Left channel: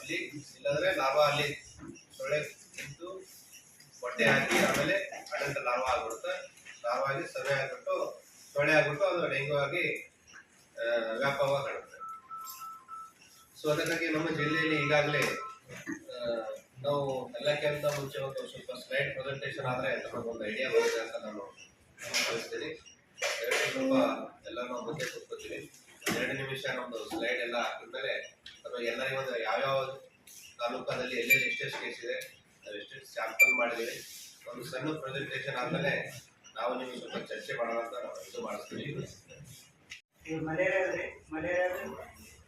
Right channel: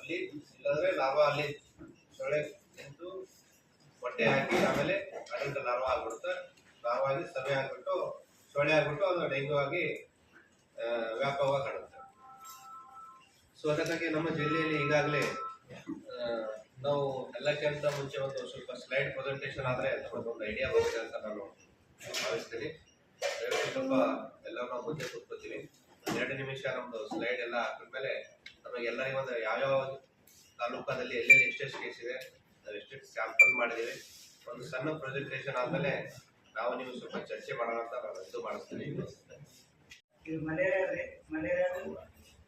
ಅಲ್ಲಿ ಇಲ್ಲಾಂದ್ರೆ ಲಾರ್ವಾ ಅಲ್ಲಿ ಸೊಳ್ಳೆ ನಿಂತು ಮೊಟ್ಟೆ ಹಾಕಿ ಆಮೇಲೆ ಅಡಲ್ಟ್ ಲಾರ್ವಾ ಆಗ್ಬಿಡುತ್ತೆ. ಲಾರ್ವಾ ಆಗಿ ಸರ್ವೆ ಆಗ್ಬಿಟ್ಟು ಸೊಳ್ಳೆ ಆಗ್ಬಿಟ್ಟು ಅದು ಡೆಂಗ್ಯೂ ಆಗಿ ವ್ಯಾಪಕವಾಗಿ ಕಾಣುತ್ತೆ. ಸೊ ಅದಕ್ಕಾಗಿ ನಮ್ಮ ಜಿಲ್ಲೆಯಲ್ಲಿ ಈಗಾಗಲೇ ನಾವು ಎಲ್ಲಕ್ಕಿಂತ ಮುಂಚೆ ಒಂದು ಸ್ವಲ್ಪ ಸ್ಲೈಡ್ ಪ್ರೆಸೆಂಟೇಷನ್ ಆದರೆ ನಮಗೊಂದು ಐಡಿಯಾ ಬರುತ್ತೆ ಅಂತ ನಾನು ಭಾವಿಸ್ತೀನಿ. ಸ್ವಲ್ಪ ಎಲ್ಲ ನಾವು ಮುಂದೆ ಕೂತ್ಕೋತೀವಿ. 2 ನಿಮಿಷ ನಮ್ಮದು ಸ್ಲೈಡ್ ಎಲ್ಲ ಹಾಕಿದ್ಮೇಲೆ ನಮಗೆ ಎಲ್ಲರಿಗೂ ಒಂದು ಯಾವ್ಯಾವ ತಾಲೂಕಲ್ಲಿ ಎಲ್ಲೆಲ್ಲಿ ಎಷ್ಟೆಷ್ಟು ಕೇಸ್ ಇದೆ, ನಾವು ಎಷ್ಟೆಷ್ಟು ಸ್ಯಾಂಪಲ್ ಮಾಡಿದ್ದೀವಿ, ಒಂದು ಸಣ್ಣ ಪ್ರೆಸೆಂಟೇಷನ್ ಆದಮೇಲೆ ನಾವು ನೀವು ಸ್ವಲ್ಪ ಚರ್ಚೆ ಮಾಡೋಣ ಅಂತ ನಾವು ಇದು ಮಾಡಿಸ್ತೀವಿ. ಇದು ಮಲೇರಿಯಾ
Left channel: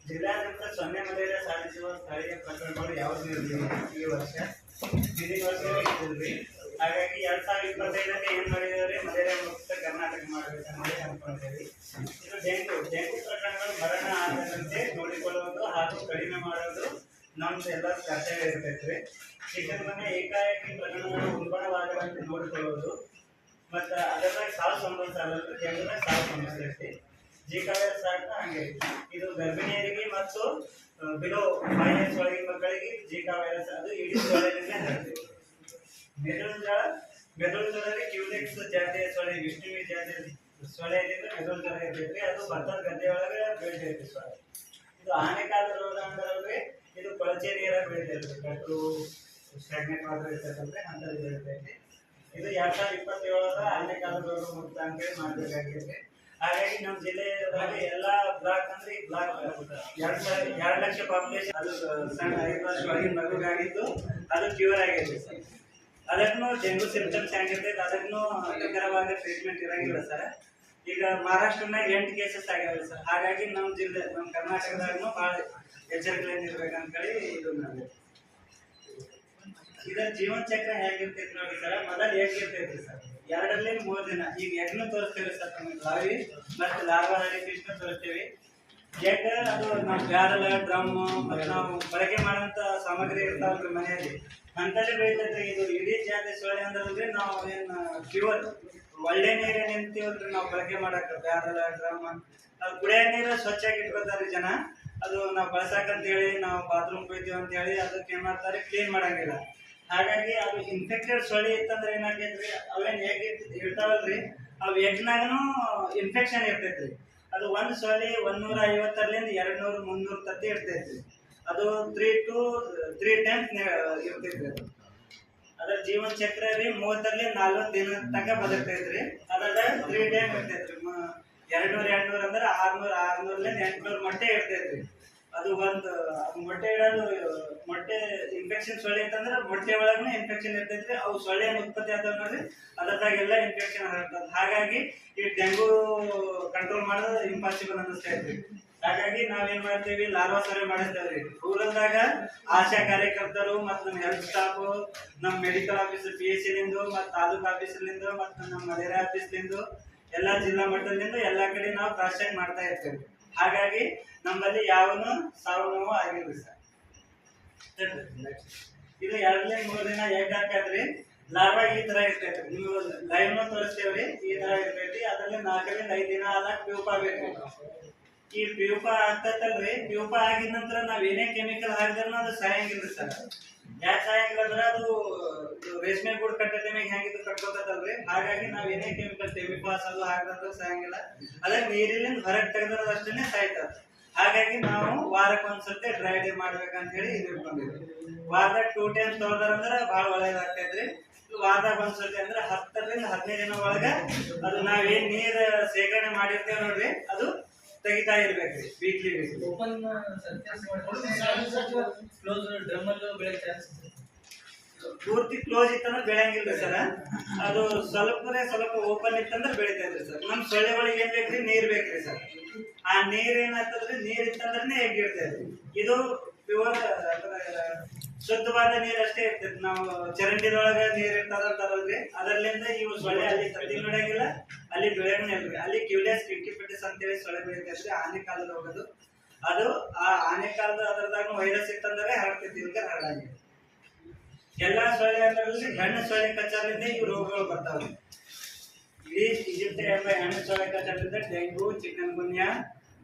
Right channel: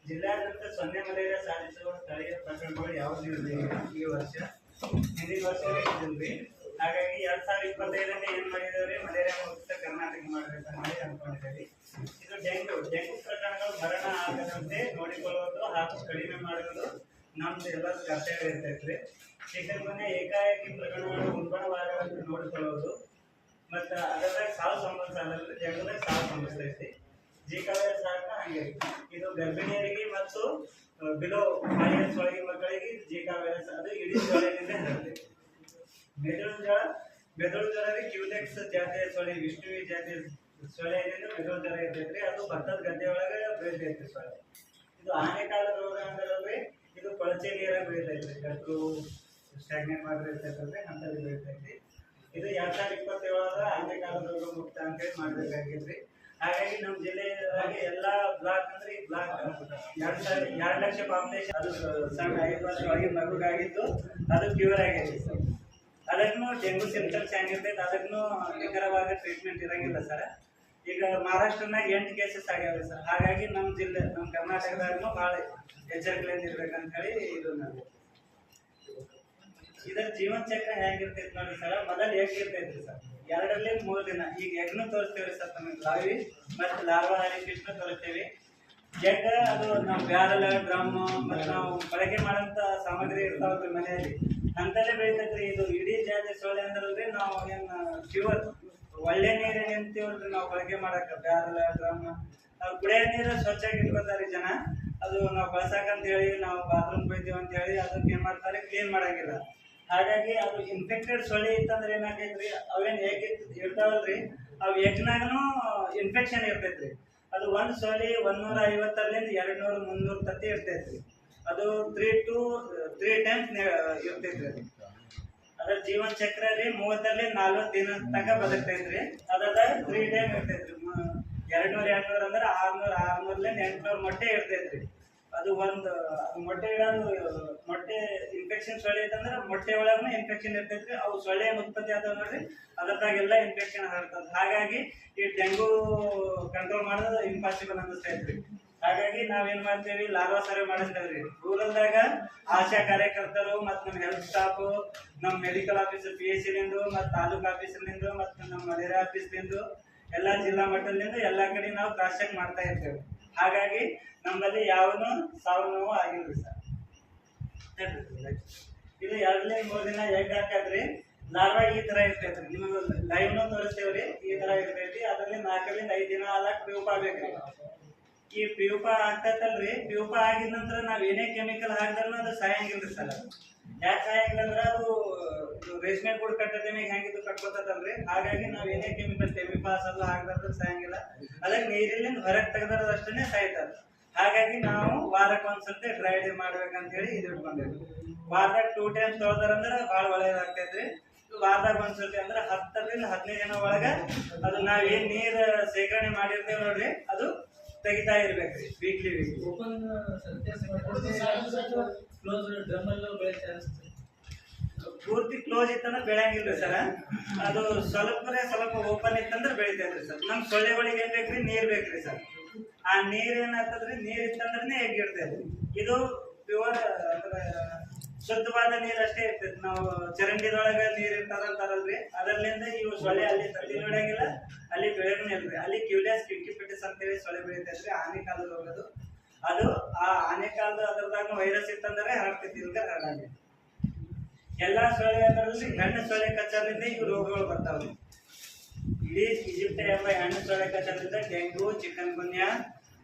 ಜಿಲ್ಲಾದ್ಯಂತ 0 ಮಲೇರಿಯಾ ಸಾಧಿಸುವ ಸ್ಥಳೀಯ ಪ್ರಕರಣಗಳು ಯಾವುದೂ ಇರಲಿಲ್ಲ ಈ ವರ್ಷ. ಹಿಂದಿನ ವರ್ಷ ಇದ್ದಿಲ್ರಿ. ಹಾಗಾಗಿ 2025ರಲ್ಲಿ ಏನು ಮಾಡಿದೇವ್ರಿ, ಮಲೇರಿಯಾ ಮುಕ್ತ ಕರ್ನಾಟಕ ಮಾಡಬೇಕಂತ ಅನ್ಕೊಂಡಿದ್ದೇವೆ. ಇದು ಡೆಂಗು ಪ್ರಕರಣಗಳು ಮರಣ ಆಗದಂತೆ ನೋಡಿಕೊಳ್ಳುವುದು ಹಾಗೂ ಕಡಿಮೆ ಮಾಡುವುದು ನಮ್ದು ಎಲ್ಲ ಕರ್ತವ್ಯ ಇರ್ತೈತ್ರಿ. ಚಿಕನ್ ಗುನ್ಯಾ ಏಕಾಏಕಿ ಪ್ರಕರಣಗಳು ಉಲ್ಬಣವಾಗದಂತೆ ನೋಡಿಕೊಳ್ಳುವುದು ಮತ್ತು ಅದರಾಗ ಸಾವು ಸಂಭವಿಸಲ್ಲ, ಡೆಂಗುದಾಗ ಸಾವು ಸಂಭವಿಸ್ತೈತಿ. ಜಿಕಾ ವೈರಸ್ ಹಂಗೆ ಇದು ಗರ್ಭಿಣಿಯರಿಗೆ ಮತ್ತು ಬಿಲೋ 5 years ಒಳಗಿನ ಮಕ್ಕಳಿಗೆ ಜಿಕಾ ವೈರಸ್ ಅದು ಇಡೀ ಸೊಳ್ಳೆಯಿಂದ ಹರಡ್ತೈತಿ. ಮೆದುಳು ಜ್ವರ ಕ್ಯೂಲೆಕ್ಸ್ ಜಾತಿಯ ಸೊಳ್ಳೆ, ವಿಷ್ಣುವಿ ಜಾತಿಯ ಸೊಳ್ಳೆ ಇದರಿಂದ ಮೆದುಳು ಜ್ವರ ಇರ್ತೈತ್ರಿ. ಅದು ಭತ್ತದ ಗದ್ದೆ ಒಳಗೆ ಬೆಳಿತೈತಿ ಸೊಳ್ಳೆ. ಇದು ಆನೆಕಾಲ ರೋಗ ಅಂದ್ರೆ ಇದು ಕೊಳಚೆ ನೀರಾಗ ಬೆಳಿತೈತಿ. ಗಟ್ರು ಸ್ಟಾಗ್ನೆಟ್ ಮಾತ್ರ ಇರ್ತೈತಲ್ರಿ, ಅಂಥದ್ದು ಬೆಳಿತೈತಿ. ಇದು 2027 ಆನೆಕಾಲ ರೋಗ ಮುಕ್ತ ಅಂತೇಳಿ ಮಾಡಬೇಕಾಗಿದ್ರಿ. ಹಾಗಾಗಿ ನಮ್ಮ ಜಿಲ್ಲೆಯಾಗ ಎಲ್ಲ ಬ್ಲಾಕ್ ಅಂದ್ರೆ ಈ ಬ್ಲಾಕ್ 2 ಲಕ್ಷ ಪಾಪ್ಯುಲೇಷನ್ ಅದು ಸಣ್ಣ 5 ವರ್ಷ ಒಳಗಿನ ಮಗುಗಾಗಿದ್ದು ಅದು ಕ್ಯೂರ್ ಆಗೈತಿ ಸರ್. ಅದಕ್ಕೂ ಡೆಂಗು ಸಿಂಪ್ಟಮ್ಸ್ ಹೆಂಗಿರ್ತೈತೆ ಅದಕ್ಕೂ ನಿಖರವಾದ ಟ್ರೀಟ್ಮೆಂಟ್ ಇರಂಗಿಲ್ಲ ಸರ್. ಈಗ ಮಹಾರಾಷ್ಟ್ರನಾಗ 8 ಕೇಸಸ್ ಆಗ್ಯಾವೆ ಸರ್. ಹಾಗಾಗಿ ನಮ್ಮ ಜಿಲ್ಲೆ ನಮ್ಮ ಕರ್ನಾಟಕದಾಗೂ ಭಾಳ ಎಚ್ಚರಿಕೆಯಿಂದ ಇರ್ಬೇಕಂತೇಳಿ ಇದು ನಾವು ಇದರ ಜೀವನ ಚಕ್ರ ಹೇಗಿರ್ತೈತಿ ನೋಡಿ ಸರ್. ಮೊದಲು ಹೇಗಿರ್ತೈತ್ರಿ ಸರ್, 2ರಿಂದ 3 ದಿನ. ಈಗ ಎಗ್ನು ತೋರಿಸ್ತೇವೆ ಸರ್, ನಮಗೆ ಲಾವಿ ಮತ್ತು ಲಾರ್ವಾ ಫಿಶ್ನು ತೋರಿಸ್ತೇವೆ. ಎಗ್ ಅದು ನಾವು ಬ್ಯಾರಲ್, ಡ್ರಮ್ ಮತ್ತು ನಾವು ಬಳಕೆ ಮಾಡೋಂಥ ಸಾಮಗ್ರಿ ಇರ್ತಾವಲ್ರಿ ಮನೆಯಲ್ಲಿ, ಅಂತಲೇ ಬೆಳಿತೈತ್ರಿ. ಇದು ಇಡೀ ಜಾತಿ ಸೊಳ್ಳೆ ಅಂದ್ರಲ್ರಿ ನಾವು ಏನು ಪ್ಯೂರ್ ಒಳ್ಳೆ ನೀರು ನಿಂತೀವಲ್ರಿ ನಾವು ಬಳಕೆ ಮಾಡಕ್ಕೆ. ಬ್ಯಾರಲ್, ಡ್ರಮ್ ಅದು ಕುಡಿಯೋ ನೀರು ಸ್ವಚ್ಛಾಗಿ ಇಟ್ಕೊತಾರೆ ಜನ. ಅದು ನಾವು ಬಳಸಕ್ಕಂತ ಹೇಳಿ ನಾವು ಬಾತ್ರೂಮ್ ಹೋಗ್ತೀವಿ ಅಂತ ಹೇಳಿ ಅದಕ್ಕೆ ಏನು ಮಾಡ್ತಾರೆ, ಕ್ಲೀನ್ ಮಾಡಂಗಿಲ್ಲ. ಹಾಗಾಗಿ ಅದು ಇನ್ಫೆಕ್ಟೆಡ್ ಸೊಳ್ಳೆ ಇತ್ತಂದ್ರೆ ಏನಾಗೈತ್ರಿ, ಅವೇನು ಎಗ್ ಇರ್ತಾವಲ್ರಿ, ಅವು ಎಗ್ನಾಗೂ ಇನ್ಫೆಕ್ಷನ್ ಇರ್ತೈತ್ರಿ. ಅದು ಒಂದು ಸೊಳ್ಳೆ 150ರಿಂದ 200, 300 ತತ್ತಿ ಇರ್ತೈತ್ರಿ. ಅದು 3 to 3 times ಇರ್ತೈತ್ರಿ. ಅದರ ಜೀವನ ಚಕ್ರ ರೀ 30ರಿಂದ 40 ದಿನ ತನಕ ಬದುಕ್ತೈತ್ರಿ. ಅದ್ರಾಗ 3 ಟೈಮ್ ಇರ್ತೈತ್ರಿ. 200 ಅಂದ್ರೆ 600ರಿಂದ 800 ಮೊಟ್ಟೆ ಇರ್ತೈತ್ರಿ. ಅದು ಒಂದು ಮೊಟ್ಟೆ ಇಡೋದು, ಮೊಟ್ಟೆ ಇನ್ಫೆಕ್ಷನ್ ಸೊಳ್ಳೆ ಐತಂದ್ರೆ ಮೊಟ್ಟೆ ಒಳಗೂ ಇನ್ಫೆಕ್ಷನ್ ಇರ್ತೈತ್ರಿ. ಅವು ಸೊಳ್ಳೆ ಉತ್ಪತ್ತಿ ಆದವು ನೋಡ್ರಿ, ಅದ್ರದಾಗೆಲ್ಲ ಇನ್ಫೆಕ್ಷನ್ ಹರಡ್ತದೆ. ಹಾಗಾಗಿ ಈ ಡೆಂಗು ಕಂಟ್ರೋಲ್ ಮಾಡೋದು ಇಂಪಾಸಿಬಲ್ ಅನ್ನಿಸ್ತೈತ್ರಿ. ಹಾಗಾಗಿ ನಾವೇನ್ ಮಾಡ್ತೇವಿ, ಲಾರ್ವಾ ಸರ್ವೆ ಮಾಡಿಸ್ತೇವ್ರಿ. ರೂರಲ್ದಾಗ ಆಶಾ ಕಾರ್ಯಕರ್ತರು ಮತ್ತು ನಮ್ಮ ಹೆಲ್ತ್ ಸ್ಟಾಫ್, ನಮ್ಮ ಮೆಡಿಕಲ್ ಆಫೀಸರ್ PHC ಮತ್ತು ತಾಲೂಕು ಆಫೀಸರ್ಲಿಂದ ಮತ್ತು ನಮ್ಮ ಮಲೇರಿಯಾ ಆಫೀಸ್ಲಿಂದ ಎಲ್ಲ ಜಿಲ್ಲಾ ಮಟ್ಟದಿಂದ ಎಲ್ಲ ಕಡೆ ನಾವು ಕ್ರಾಸ್ ಚೆಕ್ ಮಾಡ್ತಾ ಇರ್ತೇವೆ. ಹಾಗಾಗಿ ನಮ್ಮಲ್ಲಿ ಯಾವನು ಸಾವು ನೋವು ಆಗಿಲ್ರಿ ಸರ್. ಇದು 2ರಿಂದ 3 ದಿನ ಎಗ್ ಹಾಕದ್ರಿ. ಲಾರ್ವಾ ಈ ತರ ಇರ್ತೈತ್ರಿ. ನೀವು ಲೈವ್ನ ತೋರಿಸ್ತೇವ್ರಿ, ಈ ತರ ಇರ್ತೈತಿ. ಅದರಲ್ಲಿ 4ರಿಂದ 5 ದಿನ ಆದಾಗ ಪ್ಯೂಪ ಆಗ್ಬೇಕ್ರಿ. ಈ ಪ್ಯೂಪ ಆಗ್ತೈತಲ್ರಿ, ಪ್ಯೂಪ ಆಗಿದ ನಂತರ ನಾವ್ ಏನೇ ಕೆಮಿಕಲ್ ಹಾಕಿದ್ರೂ ಅದು ಸಾಯಂಗಿಲ್ರಿ ಸರ್. ಯಾಕೆ ಸಾಯಂಗಿಲ್ಲ ಅಂದ್ರೆ ಅದು ರೇಷ್ಮೆ ಗೂಡು ಕಟ್ಟದ ಮೇಲೆ ಹೆಂಗಿದ್ದು ಕಟ್ಕೋತದಲ್ರಿ. ಹಾಗಾಗಿ ನಾವ್ ಏನೇ ಕೆಮಿಕಲ್ ಟೆಮಿಪಾಸ್ ಅದು ಹಾಕಿದ್ರೆ ಸಾಯಂಗಿಲ್ಲ. ಅದಕ್ಕೆ ನೀರಿನಿಂದ ಹೊರಗೆ ತೆಗೆದ್ರದಷ್ಟೇ ಸಾಯ್ತದ. ಹಾಗಾಗಿ ನಾವು ವಾರಕ್ಕೊಂದ್ಸತಿ ಡ್ರೈ ಡೇ ಮಾಡ್ಬೇಕಂತ ಹೇಳಿ ಇದು ಇಟ್ಕೊಂಡಿದ್ವಿ. ವಾರದಾಗ 2 times ತೊಳೆದ್ರಂದ್ರೆ ಭಾಳ ಒಳ್ಳೇದಾಗ್ತೈತ್ರಿ. ವಾರದಾಗ ಒಂದ್ಸತಿ ಅಂದ್ರೆ 10ರಿಂದ 15 ದಿನ ಒಳಗೆ ಅದು ನಾವೇನ್ ನೀರು ಶೇಖರಣೆ ಮಾಡಿರ್ತೇವೆ ನೋಡ್ರಿ, ಅದು ತೆಗಿತಾ ಇರ್ಬೇಕ್ರಿ ವೀಕ್ಲಿ. ಪೂರ್ತಿ ಕ್ಲೋಸ್ ಇತ್ತಂದ್ರೆ ಬೆಳೆಯಂಗಿಲ್ರಿ ಸರ್. ಅದು ಸ್ವಲ್ಪ ಓಪನ್ ಇತ್ತಂದ್ರೆ ಬೆಳಿತೈತ್ರಿ ಸರ್. ನಮ್ಮ ಸೊಳ್ಳೆಗಳಿಗೆ ಏನ್ ಬೇಕ್ರಿ, ನೀರ್ ಬೇಕ್ರಿ ಸರ್. ಆ ನೀರ್ ಏನಾಗ್ತದ್ರಿ, ನೀರ್ ಇತ್ತಂದ್ರೆ ಎಗ್ ಇರ್ತೈತ್ರಿ. ಇದು ಪ್ಯೂರ್ ಶುದ್ಧವಾದ ನೀರ್ ಅಷ್ಟೇ ಇರ್ತೈತಿ. ನಾವು ಚರಂಡಿದೊಳಗೆ ನೀರ್ ಇರ್ತಾರಂತಾರಲ್ರಿ, ಅದರ್ಲಿಂದ ಇವು ಸೊಳ್ಳೆ ಅಲ್ಲಿ ತತ್ತಿ ನೋಡಂಗಿಲ್ಲ, ಅಲ್ಲಿ ಬೆಳೆಯಂಗಿಲ್ರಿ. ಅಲ್ಲಿ ಕ್ಯೂಲಿಯಸ್ ಕಿಂಕಿಪಿಟಿಸ್ ಅಂತೇಳಿ ಸೊಳ್ಳೆ ಬೆಳಿತೈತ್ರಿ, ಆನೆಕಾಲದ ರೋಗದು. ಅದು ಆ ಆನೆಕಾಲದ ಅದರದಾಗ ವೈರಸ್ ಇತ್ತಂದ್ರೆ ಹರಡ್ತೈತಿ, ಇಲ್ಕ ಹರಡಂಗಿಲ್ಲ. ಎಲ್ಲಾ ಸೊಳ್ಳೆ ಅದರಲ್ಲಿ ಗಂಡು ಸೊಳ್ಳೆ ಕಚ್ಚರಿಂದ ಇವು ರೋಗಗಳು ಬರ್ತಾವೆ. ಇಡೀ ಈಜಿಪ್ಟ್ ಎಂಬ ಹೆಣ್ಣು ಸೊಳ್ಳೆ ಕಚ್ಚರಿಂದ ಡೆಂಗು, ಚಿಕನ್ ಗುನ್ಯಾ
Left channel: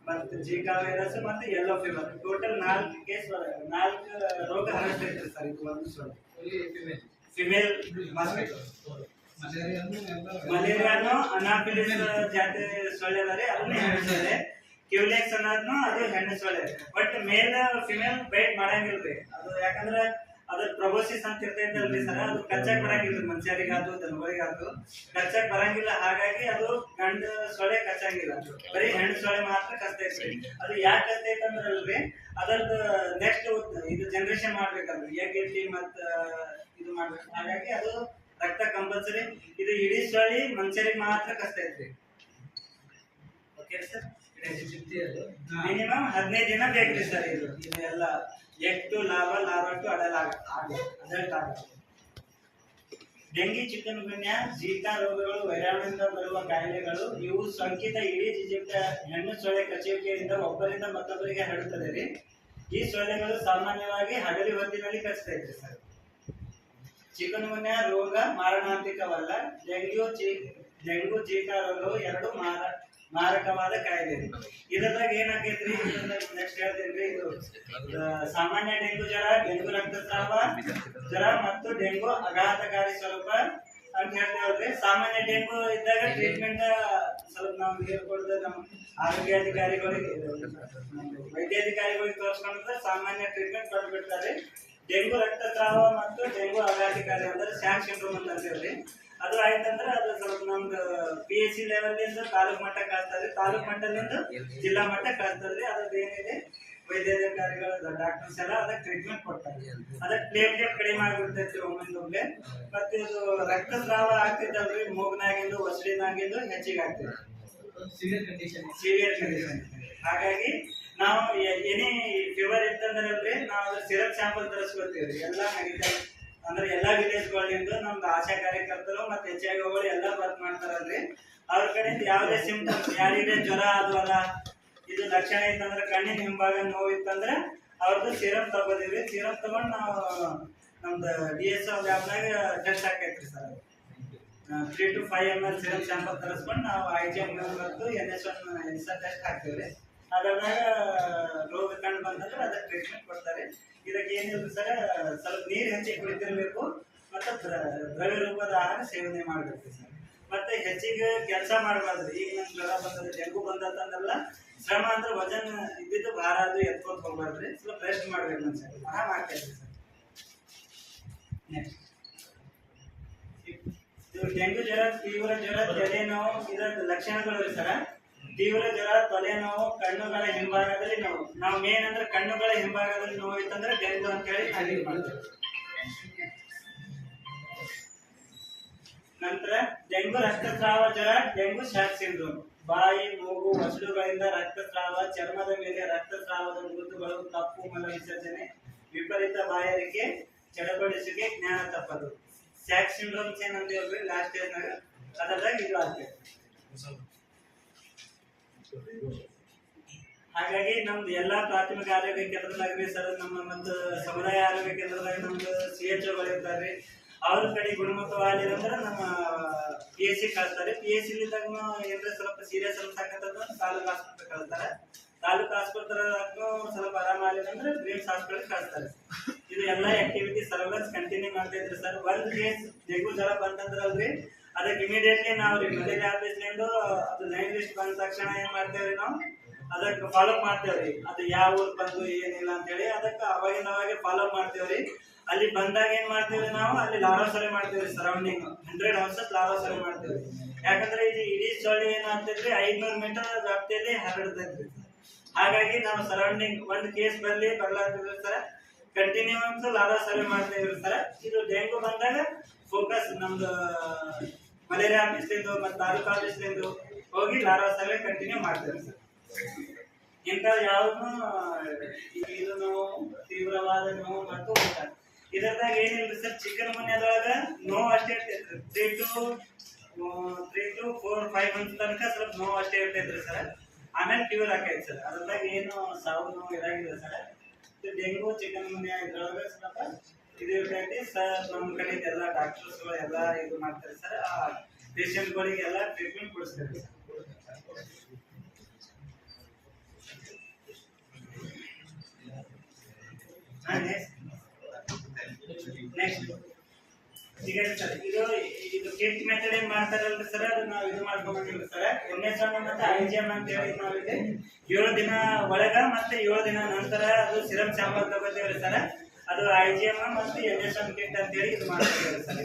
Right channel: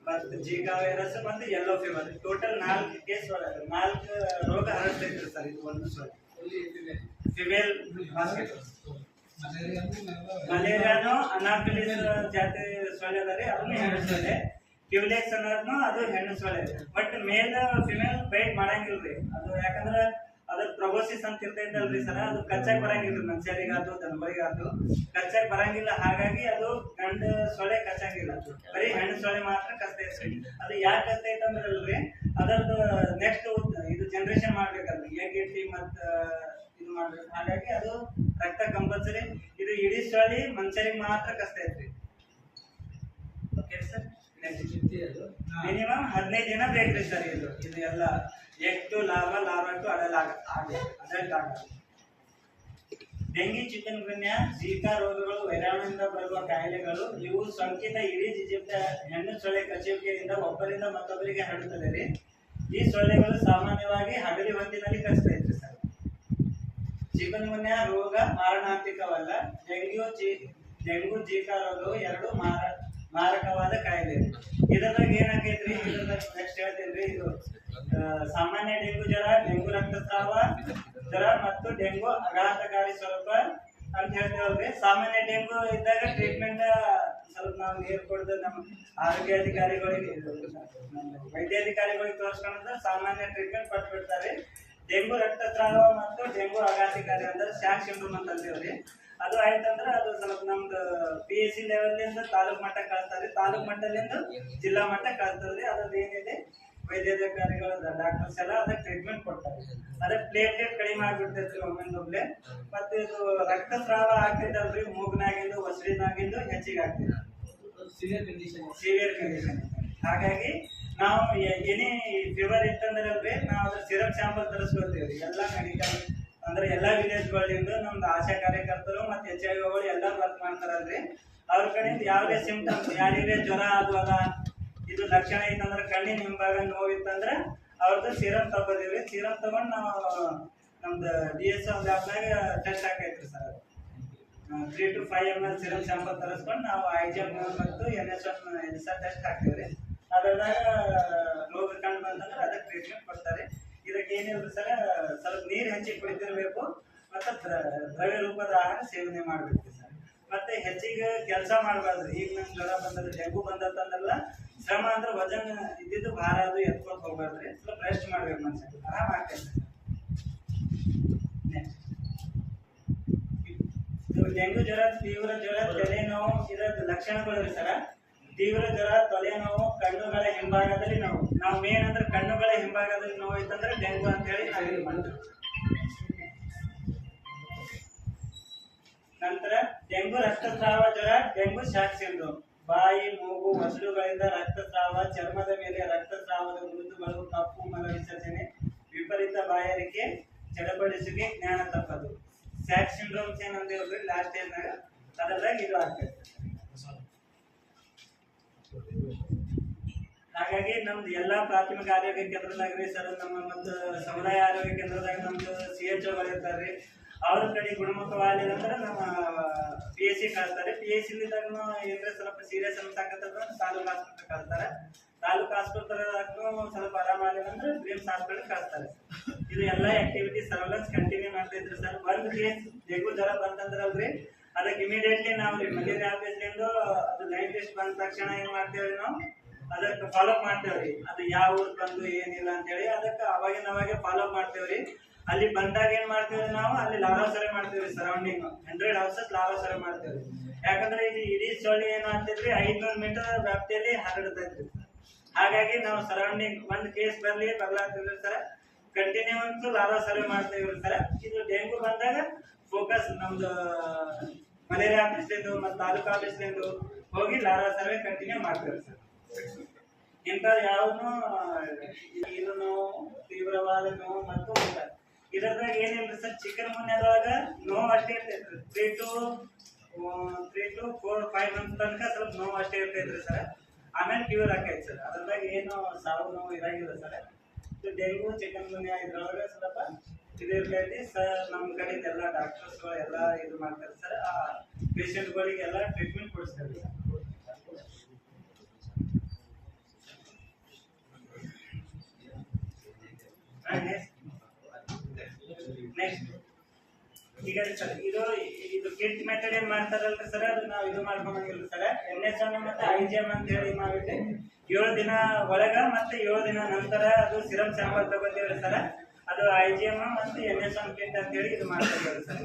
ಮತ್ತು ಜಿಕಾ ವೈರಸ್ ಮತ್ತು ಯೆಲ್ಲೋ ಫೀವರ್ ಟೋಟಲ್ 4 ಕೇಸ್ 4 ರೋಗ ಹರಡ್ತೈತ್ರಿ ಸರ್ ಇದು ಒಂದು ಸೊಳ್ಳೆ ಫಿಮೇಲ್ ಮಾಸ್ಕಿಟೋ ಮಲೇರಿಯಾನು ಅನಾಫಿಲಿಸ್ ಜಾತಿ ಸೊಳ್ಳೆ ಅದ ರೀ ಅದನ್ನು ಹೆಣ್ಣು ಸೊಳ್ಳೆ ಕ್ಯೂಲೆಕ್ಸ್ ಅನ್ನೋದ್ನು ಅದು ಹೆಣ್ಣು ಸೊಳ್ಳೆ ಬಟ್ ಮೇಲ್ ಫಿಮೇಲ್ ಬೈಟ್ ಮಾಡಂಗಿಲ್ರಿ ಅದು ಯಾಕಂದ್ರೆ ಅದ್ರ ಪ್ರೊಬೋಸಿಸ್ ಅಂತ ಇರ್ತೈತಲ್ರಿ ಸರ್ ಅದು ಕಚ್ಚಾಕ್ ಬರಂಗಿಲ್ಲ ಮನುಷ್ಯರಿಗಾದ್ರು ದನಗಳಿಗಾದ್ರು ಕಚ್ಚಾಕ್ ಬರಂಗಿಲ್ಲ ಹಾಗಾಗಿ ಅದು ಗಂಡು ಸೊಳ್ಳೆ ಕಚ್ಚಂಗಿಲ್ಲ ಬರೀ ಹೆಣ್ಣು ಸೊಳ್ಳೆ ಮಾತ್ರ ಕಚ್ತೈತ್ರಿ ಅದು ಯಾಕೆ ಕಚ್ತೈತಂದ್ರಲ್ರಿ ಅದರದ್ದು ನೆಕ್ಸ್ಟ್ ಇದು ಜನರೇಷನ್ ಮಾಡ್ಬೇಕಲ್ರಿ ಎಗ್ ಇಟ್ಟಿ ಮತ್ತ ಇದು ಮಾಡ್ಬೇಕು ಹಾಗಾಗಿ ಅದು ರಕ್ತ ಕಂಪಲ್ಸರಿ ಇದು ಇಡೀ ಸೊಳ್ಳೆ ಮನುಷ್ಯರಿಗೆ ಮಾತ್ರ ಕಚ್ತೈತ್ರಿ ಓಕೆ ಸರ್ ಮಿನಿಮಮ್ 15 ದಿನ ಬೇಕ್ರಿ ಸರ್ ಇದು ಎಲ್ಲ egg to larva larva to adult ಆಗ ಡೆಂಗಿ ಚಿಕನ್ ಗುನ್ಯಾ ಜೀಕಾ ರೋಗಗಳು ವೈರಾಣುವಿಂದ ಬರುವ ಕಾಯಿಲೆಗಳು ಇವು ಸೋಂಕಿತ ಇಡೀ ಜಿಜಿಪ್ಟ ಹೆಣ್ಣು ಸೊಳ್ಳೆ ಕಚ್ಚುವಿಕೆಯಿಂದ ಒಬ್ಬರಿಂದ ಮತ್ತೊಬ್ಬರಿಗೆ ಹರಡುತ್ತದೆ ರೀ ಈ ಸೊಳ್ಳೆಗಳು ಸಾಮಾನ್ಯವಾಗಿ ಹಗಲಿ ಹೊತ್ತಿನಲ್ಲಿ ಕಚ್ಚುತ್ತೈತ್ರಿ ಸರ್ ಚಿಕನ್ ಗುನ್ಯಾ ರೋಗ ಮಾರಣಾಂತಿಕವಲ್ಲ ಡೆಂಗು ಜೀಕಾ ರೋಗವು ಎರಡು ಮಾರಕವಾದ ಕಾಯಿಲೆ ಇದರಾಗ ಏನಾಗೈತ್ರಿ ನೆಕ್ಸ್ಟ್ ಹೇಳ್ತೇನ್ರಿ ಇದು ಸಾಮಾನ್ಯ ಡೆಂಗು ಜ್ವರ ಡೆಂಗು ರಕ್ತಸ್ರಾವ ಜ್ವರ ಮತ್ತು ಡೆಂಗು ಆಘಾತಕಾರಿ ಸ್ವರೂಪ ಅಂತ ಹೇಳ್ತೇವಲ್ರಿ ಸಾಮಾನ್ಯ ಡೆಂಗು ಇದ್ದಾಗ ಟ್ರೀಟ್ಮೆಂಟ್ ಸ್ವಲ್ಪ ನಾವು ನೀರು ಕೊಡದ ನಮ್ಮ ಆರೋಗ್ಯಾಧಿಕಾರಿಗಳಿಗೆ ವೈದ್ಯಾಧಿಕಾರಿಗಳಿಗೆ ತೋರಿಸ್ಕೊಂಡ್ರೆ ಸಾಮಾನ್ಯ ಟ್ರೀಟ್ಮೆಂಟ್ ಕೊಟ್ಟು ಬಿಡ್ತಾರೆ ಡೆಂಗು ರಕ್ತಸ್ರಾವ ಮತ್ತು ಡೆಂಗು ಆಘಾತಕಾರಿ ಅಂದ್ರೆ ಸ್ಯಾಕ್ ಸಿಂಡ್ರೋಮ್ ಅಂತ ಅಂತೀವ್ರಿ ಅದು ಆಯ್ತಂದ್ರೆ ಅದು ಸ್ವಲ್ಪ ನಮ್ದು PHC ಲೆವೆಲ್ ತಾಲೂಕ್ ಮಟ್ಟಕ್ಕೆ ಕಳಿಸ್ತಾರೆ ತಾಲೂಕ್ ಮಟ್ಟದಿಂದ ಜಿಲ್ಲಾ ಮಟ್ಟಕ್ಕೆ ಕಳಿಸ್ತಾರೆ ಅದ್ರದ್ದು ಏನಿದೆ ವೈದ್ಯಾಧಿಕಾರಿಗಳು ಡಾಕ್ಟರ್ಸ್ ಎಲ್ಲ ಅದಕ್ಕೆ ಟ್ರೀಟ್ಮೆಂಟ್ ಕೊಡ್ತಾರೆ ಅದಕ್ಕೆ ಪ್ಲೇಟ್ಲೆಟ್ ಕಡಿಮೆ ಆಗ್ಬಿಡ್ತೈತ್ರಿ ಒಮ್ಮೆ ಮತ್ತೆ ಇದು ರಕ್ತಸ್ರಾವ ಆಗ್ತೈತಲ್ರಿ ಮೂಗ್ನಾಗಿಂದು ಒಸಡಿನಾಗಿಂದು ಹೆಚ್ಚಿಗೆ ಆಗ್ತೈತಿ ಸಿವಿಯರ್ ಕಂಡೀಷನ್ ಹಾಗಾಗಿ ನಾವು ಏನೇ ಫೀವರ್ ಇತ್ತಂದ್ರಲ್ರಿ ನಾವು ಅದ್ರ ಸಿರಪ್ ಸ್ಯಾಂಪಲ್ ತರಿಸ್ಕೊಳ್ತೀವಿ ಎಲ್ಲ ಮೆಡಿಕಲ್ ಅಂದ್ರೆ ಎಲ್ಲಾ ವಿಲೇಜ್ಗಳಿಂದ ನಮ್ದು ಆಶಾ ಕಾರ್ಯಕರ್ತರು ಮತ್ತೆ HIVಗಳು ಎಲ್ಲರೂ ವರ್ಕ್ ಮಾಡ್ತಾರಲ್ರಿ ಅವ್ರ ಕಡೆಯಿಂದ ಯಾವುದೇ ಸಿಂಪ್ಟಮ್ಸ್ ಯಾರಿಗೆ ಜ್ವರ ಅದು ಅಲ್ಲ ಇದು ಲಕ್ಷಣ ಇತ್ತಂದ್ರೆ ಕಣ್ಣಿನ ಹಿಂಭಾಗ ನೋವು ಇತ್ತಂದ್ರೆ ಅವ್ರದ್ದು ಸಿರಪ್ ತಗೋದಿವ್ರಿ ಸಿರಪ್ ತಗೊಂಡು ನಾವು ನಮ್ದು DSO ಲ್ಯಾಬ್ನಾಗ ಟೆಸ್ಟ್ ಹಾಕೈತ್ರಿ sir 3 to 5 ml syrup sample ತರಿಸ್ಕೊಂಡು ನಾವು IgM ಮತ್ತು NS1 ಟೆಸ್ಟ್ ಹಾಕ್ತೀವ್ರಿ ಅದ್ರಾಗ ರೋಗ ಕಂಡು ಬಂದಂದ್ರೆ ಅದಕ್ಕೆ ಟ್ರೀಟ್ಮೆಂಟ್ ಕೊಡ್ತಾರೆ ಇದಕ್ಕೆ ಏನಿಲ್ಲ ಸರ್ ಸ್ವಲ್ಪ ನೀರು ಹೆಚ್ಚಿಗೆ ಕುಡಿತಿರ್ಬೇಕು ಮತ್ತು ದ್ರವ್ಯ ರೂಪದ ಆಹಾರ ಸೇವನೆ ಮಾಡಬೇಕು ಸರ್ ಮತ್ತೆ ಹೆಚ್ಚಿಗೆ ಕೆಲಸ ಮಾಡಬಾರ್ದು ಈಗ ನಮ್ಗೆ ಜ್ವರ ಬಂದದ ಡೆಂಗು ಬಂದತ್ತಂದ್ರಲ್ಲ ಶ್ರಮ ಅಂದ್ರೆ ವಜನ್ ಇದ್ದಿದ್ದು ಭಾರ ಅದು ಎತ್ಕೊಂಡು ಹೋಗ್ಬಾರ್ದ್ರಿ ಸ್ವಲ್ಪ ರೆಸ್ಟ್ ಮಾಡ್ಬೇಕು ಮನುಷ್ಯ ಆರಾಮ ಆಗ್ತೈತೆ ಸರ್ ನೆಕ್ಸ್ಟ್ ಇದು ಡೆಂಗು ಜ್ವರ ತೀವ್ರ ಜ್ವರ ತಲೆನೋವು ಇದರ ಲಕ್ಷಣಗಳು ರೀ ಸರ ತೀವ್ರ ಜ್ವರ ತಲೆನೋವು ಕಣ್ಣುಗಳ ಹಿಂಭಾಗದಲ್ಲಿ ನೋವು ನಾವು ಮೇನ್ ಅಂದ್ರೆ ಕಣ್ಣುಗಳ ಹಿಂಭಾಗದಲ್ಲಿ ನೋವು ಇತ್ತಂದ್ರೆ ಡೆಂಗು ಅಂತ ಹೇಳಿ ನಾವು ಇದು ಮಾಡ್ತೀವಿ ನಂತರ ಡೆಂಗು ರಕ್ತಸ್ರಾವ ಜ್ವರ ಡೆಂಗು ಶಾಕ್ ಸಿಂಡ್ರೋಮ್ ಬಾಯಿ ಮೂಗು ಒಸಡುಗಳಿಂದ ರಕ್ತಸ್ರಾವ ಚರ್ಮದ ಮೇಲೆ ರಕ್ತಸ್ರಾವದ ಗುರುತುಗಳು ತಪ್ಪು ಮಲ ವಿಸರ್ಜನೆ ವಿಪರೀತ ಬಾಯಾರಿಕೆ ಚಡಪಡಿಸುವಿಕೆ ಜ್ಞಾನ ತಪ್ಪದು ಶಾಕ್ ಸಿಂಡ್ರೋಮ್ಸ್ ಏನಂದೇವ್ರಿ ಲಾಸ್ಟ್ ಸ್ಟೇಜ್ನಾಗ ಅದರಾಗ ಇದು ಆಗ್ತೈತೆ ಹಾಗಾಗಿ ನಮ್ದು ಎಲ್ಲಾ ಪ್ರಾಥಮಿಕ ಆರೋಗ್ಯ ಕೇಂದ್ರದಾಗ್ರಿ ಸರ್ ನಮ್ಮ ಮತ್ತು ಸಮುದಾಯ ಆರೋಗ್ಯ ಕೇಂದ್ರದಾಗ ನಮ್ದು CHOಗಳು ಇರ್ತಾರ್ರಿ ಅವ್ರ ಕಡೆ ಗುಣಮುಖವಾಗಲಿಲ್ಲ ಅಂದ್ರೆ ನಮ್ಮ PHC ಕಳಿಸ್ತಾರೆ PHC ಲಿದ್ದಾಗ ಏನ್ರ ಸ್ವಲ್ಪ ಸೀರಿಯಸ್ ಅನ್ಸಾಕತ್ತದ ತಾಲೂಕು ಆಸ್ಪತ್ರೆ ಕಳಿಸ್ತಾರೆ ತಾಲೂಕು ಆಸ್ಪತ್ರೆಗೂ ಸ್ವಲ್ಪ ಆರಾಮಾಗಲಿಲ್ಲ ಅಂದ್ರೆ ಬ್ರಿಮ್ಸ್ ಹಾಸ್ಪಿಟಲ್ ಕಳಿಸ್ತಾರೆ ಇದು ಎಲ್ಲಾ ಆಕ್ಟಿವಿಟಿ ಸರ್ವೆಲೆನ್ಸ್ ಕಂಟಿನ್ಯೂ ಮಾಡ್ತಿದ್ರಿ ಸರ್ ಒಂದ್ ಕೇಸ್ ಡೆಂಗು ಜ್ವರ ಬಂತಂದ್ರಲ್ರಿ ಅದಕ್ಕೆ ಇಮಿಡಿಯೇಟ್ಲಿ ನಾವು ರೀ ಮಲೇರಿಯಾ ಆಫೀಸ್ಲಿಂದ ಅದು ಲೈನ್ ಲಿಸ್ಟ್ ಬಂದ ತಕ್ಷಣ ಏನ್ ಮಾಡ್ತೇವ್ರಿ ನಾವು ಅದಕ್ಕೆ ಫಾಲೋಅಪ್ ಮಾಡ್ತೇವ್ರಿ ಅದು ಯಾವ ಊರ್ ಬಂದು ಏನಿಲ್ಲ ಅಂತ ಹೇಳಿ ಅದಕ್ಕೆ ಅವಾಗೆ ಫಾಲೋಅಪ್ ಮಾಡ್ತೇವ್ರಿ ಅಲ್ಲಿ ಬಂದಾಗ ಏನ್ ಮಾಡ್ತೇವ್ರಿ ನಾವು ಅಲ್ಲಿ ಲಾರ್ವಾ ಸರ್ವೆ ಮಾಡ್ತೇವ್ರಿ ಸರೌಂಡಿಂಗ್ 100 ಹೌಸಸ್ ಲಾರ್ವಾ ಸರ್ವೆ ಮಾಡ್ತೇವ್ರಿ ಯಾಕಂದ್ರೆ ಇದು ಇಡೀ ಸೊಳ್ಳೆ ಏನು ಆಗ್ತೈತ್ರಿ 500 ಮೀಟರ್ ವ್ಯಾಪ್ತಿಯಲ್ಲಿ ಹರಡ್ತೈತ್ರಿ ಹಾಗಾಗಿ ನಾವು ಸರೌಂಡಿಂಗ್ ಒಂದ್ ಕೇಸ್ ಬರ್ಲಾತಿದ್ರಿ ಸರ್ ಕಂಟಿನ್ಯೂಸ್ ಲಾರ್ವಾ ಸರ್ವೆ ಮಾಡ್ತೇವ್ರಿ ಸರ್ ಇದು ಡೆಂಗು ಬಂದಾಗ ಫೋಕಸ್ ನಮ್ದು ಮಲೇರಿಯಾ ಆಫೀಸ್ಲಿಂದು ಮತ್ತು ತಾಲೂಕು ಆಫೀಸ್ಲಿಂದು ಹೋಗಿ ಲಾರ್ವಾ ಸರ್ವೆ ಕಂಟಿನ್ಯೂ ಮಾಡ್ತೇವೆ ಸರ್ ಇಂಥ ಯಾವ್ದು ಇದು ನೋವು ತೀವ್ರವಾದ ನೋವು ಮತ್ತು ಊಟ ಇದರದಾಗ ಏನಿಲ್ಲ ಸರ್ ಚಿಕನ್ ಗುನ್ಯಾದಾಗ ನೋವು ಅಷ್ಟೇ ಇರ್ತೈತ್ರಿ 3 to 4-5 months ತನಕ ಸ್ವಲ್ಪ ನೋವು ಅಷ್ಟೇ ಇರ್ತೈತ್ರಿ ಸರ್ ಆಮೇಲೆ ಕ್ಯೂರ್ ಆಕೈತಿ ಸರ್ ಅದ್ರದಾಗ ಏನು ಸಾವು ನೋವು ಇರಂಗಿಲ್ಲ ಸರ್ ಡೆಂಗು ಚಿಕನ್ ಗುನ್ಯಾ ಇದ್ರೊಳಗೆ ಸ್ವಲ್ಪ ಇದು ಇರ್ತೈತಿ ಸರ್ ನಮ್ಮ ಕಡೆ ಎಲ್ಲ ಡಾಕ್ಟರ್ಸ್ಗಳು ಎಲ್ಲ ಇದು ಮಾಡ್ತಾರೆ ಸರ್ ಆ ಪೇಷಂಟ್ಗಳಿಗೆಲ್ಲ ಟ್ರೀಟ್ಮೆಂಟ್ ಕೊಡಿಸ್ತಾರೆ ಸರ್ ನೆಕ್ಸ್ಟ್ ಈಗ ಸರ್ ಇದು ಕಿಟ್ ಮೆಥಡ್ ಏನ್ ಮಾಡ್ತಾರಲ್ರಿ ಸರ್, ಅದು ನಾವು ಇದು ಮಾಡ್ಕೊಂಬಂಗಿಲ್ಲ ಸರ್. NS1 ಮತ್ತೆ IGM ಅಂತ ಹೇಳಿ ನಾವಿಲ್ಲಿ 7 ದಿನ ಒಳಗ ಮತ್ತೆ 7 ದಿನ ನಂತರ ಅದು ಸಿರಮ್ ಸ್ಯಾಂಪಲ್ ತಗೋತೀವ್ರಿ ಸರ್. ಅದು IGM ಮತ್ತೆ NS1 ಕಿಟ್ ಅಂತ ಹೇಳಿ ಇದು ಮಾಡ್ತೀವಿ ಸರ್.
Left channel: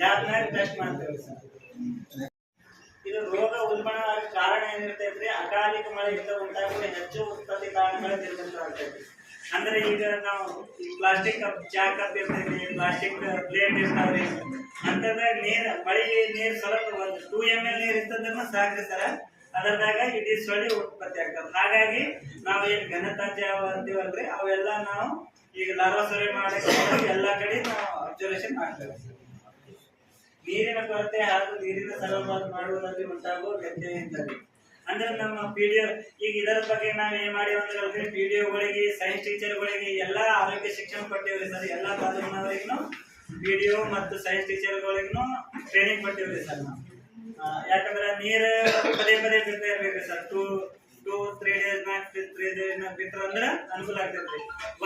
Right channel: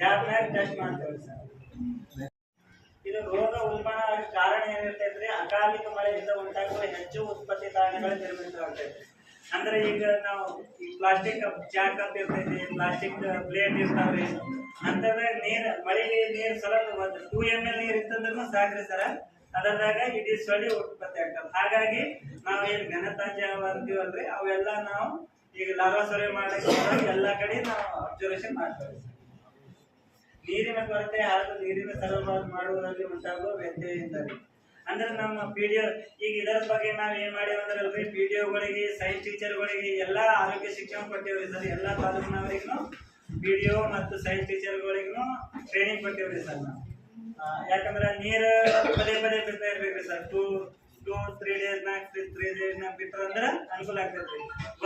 ಲ್ಯಾಬ್ನಾಗ ಟೆಸ್ಟ್ ಮಾಡ್ತೇವೆ ಸರ್. ಇದು ರೋಗ ಉಲ್ಬಣ ಆಗ ಕಾರಣ ಏನಿರ್ತೈತ್ರಿ, ಅಕಾಲಿಕ ಮಳೆಯಿಂದ ಉಂಟಾಗುವ ಹೆಚ್ಚು ಉತ್ಪತ್ತಿ ಕಾರಣಗಳು ನಿರ್ಮಿತವಾಗ್ತೈತಿ. ಅಂದ್ರೆ ಈಗ ನಾವು ಈ ಪ್ಲಾಸ್ಟಿಕ್ ಕಪ್, ಚಾ ಕಪ್ ಇರ್ತೈತಿ, ಪ್ಲಾಸ್ಟಿಕ್ ಪ್ಲೇಟ್ ಇರ್ತಾವ್ರಿ, ಅಂತಂದ್ರೆ ಮಳೆಗೆ ನೀರು ಸ್ವಲ್ಪ ಒಂದು 2 ml ನೀರು ಇತ್ತಂದ್ರೂ ಸಾಕ್ರಿ ಸರ, ಅದರದಾಗ ಇಡೀ ಸೊಳ್ಳೆ ಉತ್ಪತ್ತಿ ಆಗ್ತದೆ. ಹಾಗಾಗಿ ನಾವು ಏನು ಘನತ್ಯಾಜ್ಯ ಅಂತೀವಲ್ರಿ, ಅವೆಲ್ಲ ನಾವು ಈಗ ಲಾರ್ವಾ ಸರ್ವೆ ಮಾಡಕ್ಕೆ ಎಲ್ಲ ಕಡೆ ನಾವು ಅಬ್ಸರ್ವೇಷನ್ ಮಾಡ್ತೇವೆ. ನೀರಿನ ಕೊರತೆ ಹಾಗೂ ನೀರಿನ ಸರಬರಾಜು ಮಾಡುವುದರಲ್ಲಿ ಉಂಟಾಗುವ ವ್ಯತ್ಯಯದಿಂದಾಗಿ ಅಂದ್ರೆ ನಮ್ಮ PDO ಈಗ ಇದರ ಬಗ್ಗೆ ನಾವು ಏನ್ ಮಾಡಿವಿ ಅಂದ್ರೆ PDOಗಳಿಗೆ, ಸೈನ್ಸ್ ಟೀಚರ್ಗಳಿಗೆ ಎಲ್ಲ ಆರೋಗ್ಯ ಶಿಕ್ಷಣ ಕೊಟ್ಟಿವ್ರಿ ಸರ್. ಎಲ್ಲ ತಾಲೂಕಿನವರಿಗೂ PDO ಮತ್ತು ಸೈನ್ಸ್ ಟೀಚರ್ಗಳಿಗೂ ಟ್ರೈನಿಂಗ್ ಕೊಟ್ಟಿವ್ರಿ ಸರ್ ನಾವು. ಯಾಕಂದ್ರೆ ನೀರು ಪದೇ ಪದೇ ಬಿಡ್ತಾ ಇರ್ಬೇಕ್ರಿ ಸರ್. 2-3 ಡೇಸ್ನಾಗ ಬಿಟ್ರ ಅಂದ್ರೆ ಅನುಕೂಲ ಆಗ್ತೈತ್ರಿ.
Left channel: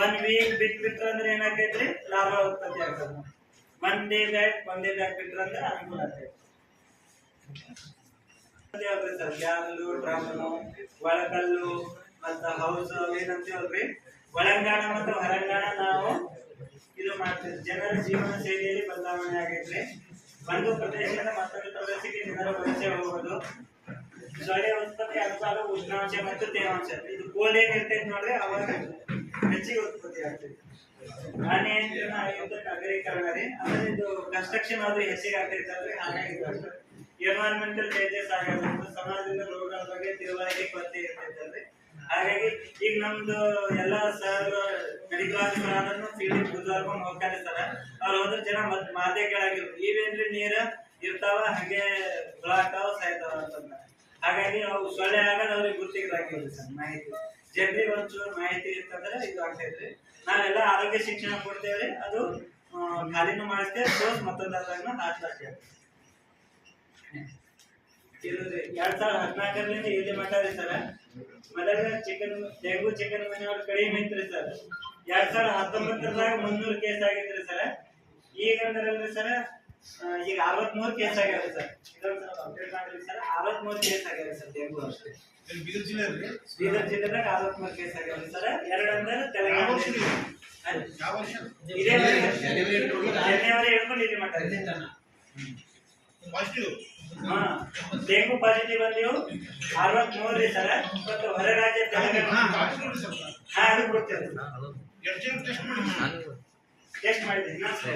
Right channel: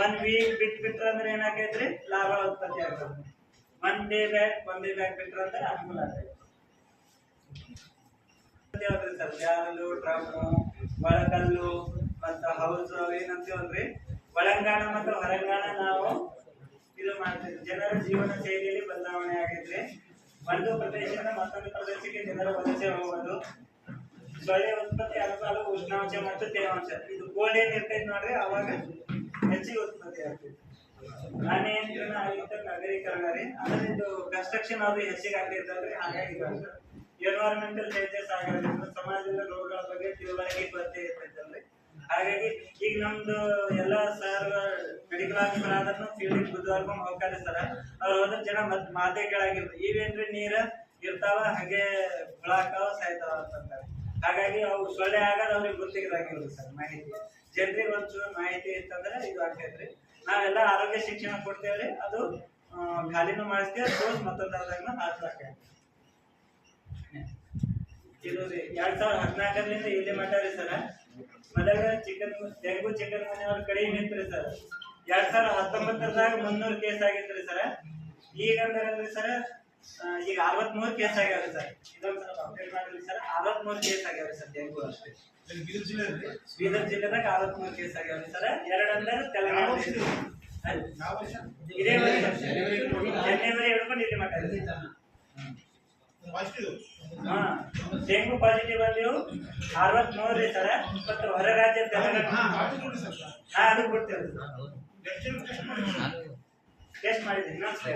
1 ವೀಕ್ ಬಿಟ್ರ ಅಂದ್ರೆ ಏನಾಗೈತ್ರಿ, ಲಾರ್ವಾ ಉತ್ಪತ್ತಿ ಆಗ್ತದೆ. 1 ಡೇ ಬ್ಯಾಕ್ ಬಿಟ್ರ ಅಂದ್ರೆ ಅನುಕೂಲ ಆಗ್ತೈತಿ ಸರ್. ಬ್ಯಾರಲು, ಡ್ರಮ್ಮು, ಒಳಕಲ್ಲು ಮತ್ತು ಹೌಸ್ ಏನಂತೀವಲ್ರಿ, ಒಳಂಗಾಣ ಮತ್ತು ಹೊರಂಗಾಣ ನಾವು ಇದು ಮಾಡ್ತೀವಿ. ಜನರ ಜೀವನ ಶೈಲಿಯಲ್ಲಿ ಬದಲಾವಣೆ ಆಗೈತ್ರಿ. ಒಂದು ಪ್ರದೇಶದಿಂದ ಮತ್ತೊಂದು ಪ್ರದೇಶಕ್ಕೆ ಜನರ ವಲಸೆ ಹೋಗೋದು, ಸೊಳ್ಳೆ ಉತ್ಪತ್ತಿ ಅನುಪಾತ, ಉಷ್ಣಾಂಶ ಮತ್ತು ತೇವಾಂಶ, ಇದು ಕೋಲ್ಡ್ ಏನ್ ಇರ್ತೈತಿ ನೋಡ್ರಿ, ಅವಾಗ ಹೆಚ್ಚಿಗೆ ಉತ್ಪತ್ತಿ ಆಗ್ತೈತಿ. ಅನಿಯಂತ್ರಣ ಆಯುಕ್ತ ನಗರೀಕರಣ ರೀ, ಅಂದ್ರೆ ಇದು ಕನ್ಸ್ಟ್ರಕ್ಷನ್ ಆದ್ರೂ ಹೆಚ್ಚಿಗೆ ಆಗ್ತೈತಲ್ರಿ, ಹಾಗಾಗಿ ಎನ್ವೈರನ್ಮೆಂಟಲ್ ಚೇಂಜಸ್ ಆಗೋದ್ರಿಂದ ಸಮಾಜದ ರೋಗಗಳ ಬಗ್ಗೆ ತಿಳುವಳಿಕೆ ಕೊರತೆ ಇರ್ತೈತಲ್ರಿ. ಹಾಗಾಗಿ ಈಗ ನಮ್ದು ಎಲ್ಲ ಸರ್ ಮೆಡಿಕಲ್ ಆಫೀಸರ್ ಫೀಲ್ಡಿಗೆ ಬುದ್ಧಿವಾರ್ಕೊಂಡು ಹೋಗ್ತಾರೆ ಸರ್. ಅವ್ರು ಹೋದ್ರೆ ಜನ ಮಾತೆ ಕೇಳಾಗಿರ್ತಾರೆ, ಇವೇನ್ರಿ ನೀರು ಇರ್ತಾವ ಹಾಗೆ ಹುಳಾಗ್ತಾವ ಸಾಯ್ತಾವ ಅಂತಂದ್ರೆ. ಹಾಗಾಗಿ ಅವು ಸೊಳ್ಳೆ ಆಗೋದು ಅವ್ರಿಗೆ ಗುರ್ತಿಗಿರಾಗಿರ್ಲಿ ಸರ್. ಮಾಹಿತಿ ಜನರಿಗೆ ಒಂಚೂರು ಮಾಹಿತಿ ಇರ್ತಂದ್ರೆ ಇದು ಆಗ್ತೈತ್ರಿ. ನಾವೆಲ್ಲ ಆರೋಗ್ಯ ಶಿಕ್ಷಣ ಕೊಡ್ತೇವ್ರಿ, ಅದು ಖಾಲಿನೂ ಮಾಡಿಸ್ತೇವೆ, ಡೋಸ್ ಮತ್ತೊಂದಾದ್ರಾಗ ಹಾಕ್ಲಾಗ್ತೇವೆ. ಇದು 2014ರಿಂದ ಇಲ್ಲಿ ಮಟ್ಟ ರೀ ಸರ್. ಮೊದಲ ಡೆಂಗು ಚಿಕನ್ ಮನೆಯವ್ರು ಕಡಿಮೆ ಇತ್ರಿ ಸರ್. 2019ದಾಗ 300 ಕೇಸ್ ಆಗಿತ್ರಿ ಸರ್. ಈಗ ಅಂದ್ರಲ್ರಿ ಸರ್, ಈಗ 63 ಕೇಸ್ ಆಗ್ಯಾವ್ರಿ ಸರ್. ಇದೊಂದು ಸ್ವಲ್ಪ ಅಪ್ಡೇಟ್ ಮಾಡಿದ್ರಿ ಸರ್. 63 ಕೇಸ್ ಆಗ್ಯಾವ್ರಿ ಸರ್ ಡೆಂಗು ಅಷ್ಟೇ. ಬೀದರ್ ಜಿಲ್ಲೆದಾಗ 63 ಕೇಸ್ ಆಗ್ಯಾವ್ರಿ ಸರ್. 2 ಅಂದ್ರೆ ತೆಲಂಗಾಣ. ಇದೇ ಜನವರಿ ಹಿಡ್ಕೊಂಡು ಇಲ್ಲಿ ಮಟ್ಟ ರೀ. ಡೆಂಗು ಪಾಸಿಟಿವ್ ಬಂದಿವು 63 ರೀ ಸರ್. ಮತ್ತು ಹೊರ ರಾಜ್ಯ ತೆಲಂಗಾಣ ಅದು ಕೊಡ್ತೇವೆ, ಟೆಸ್ಟ್ ಮಾಡಿದ್ವಿ ಇನ್ನೊಂದ್ಸಲ.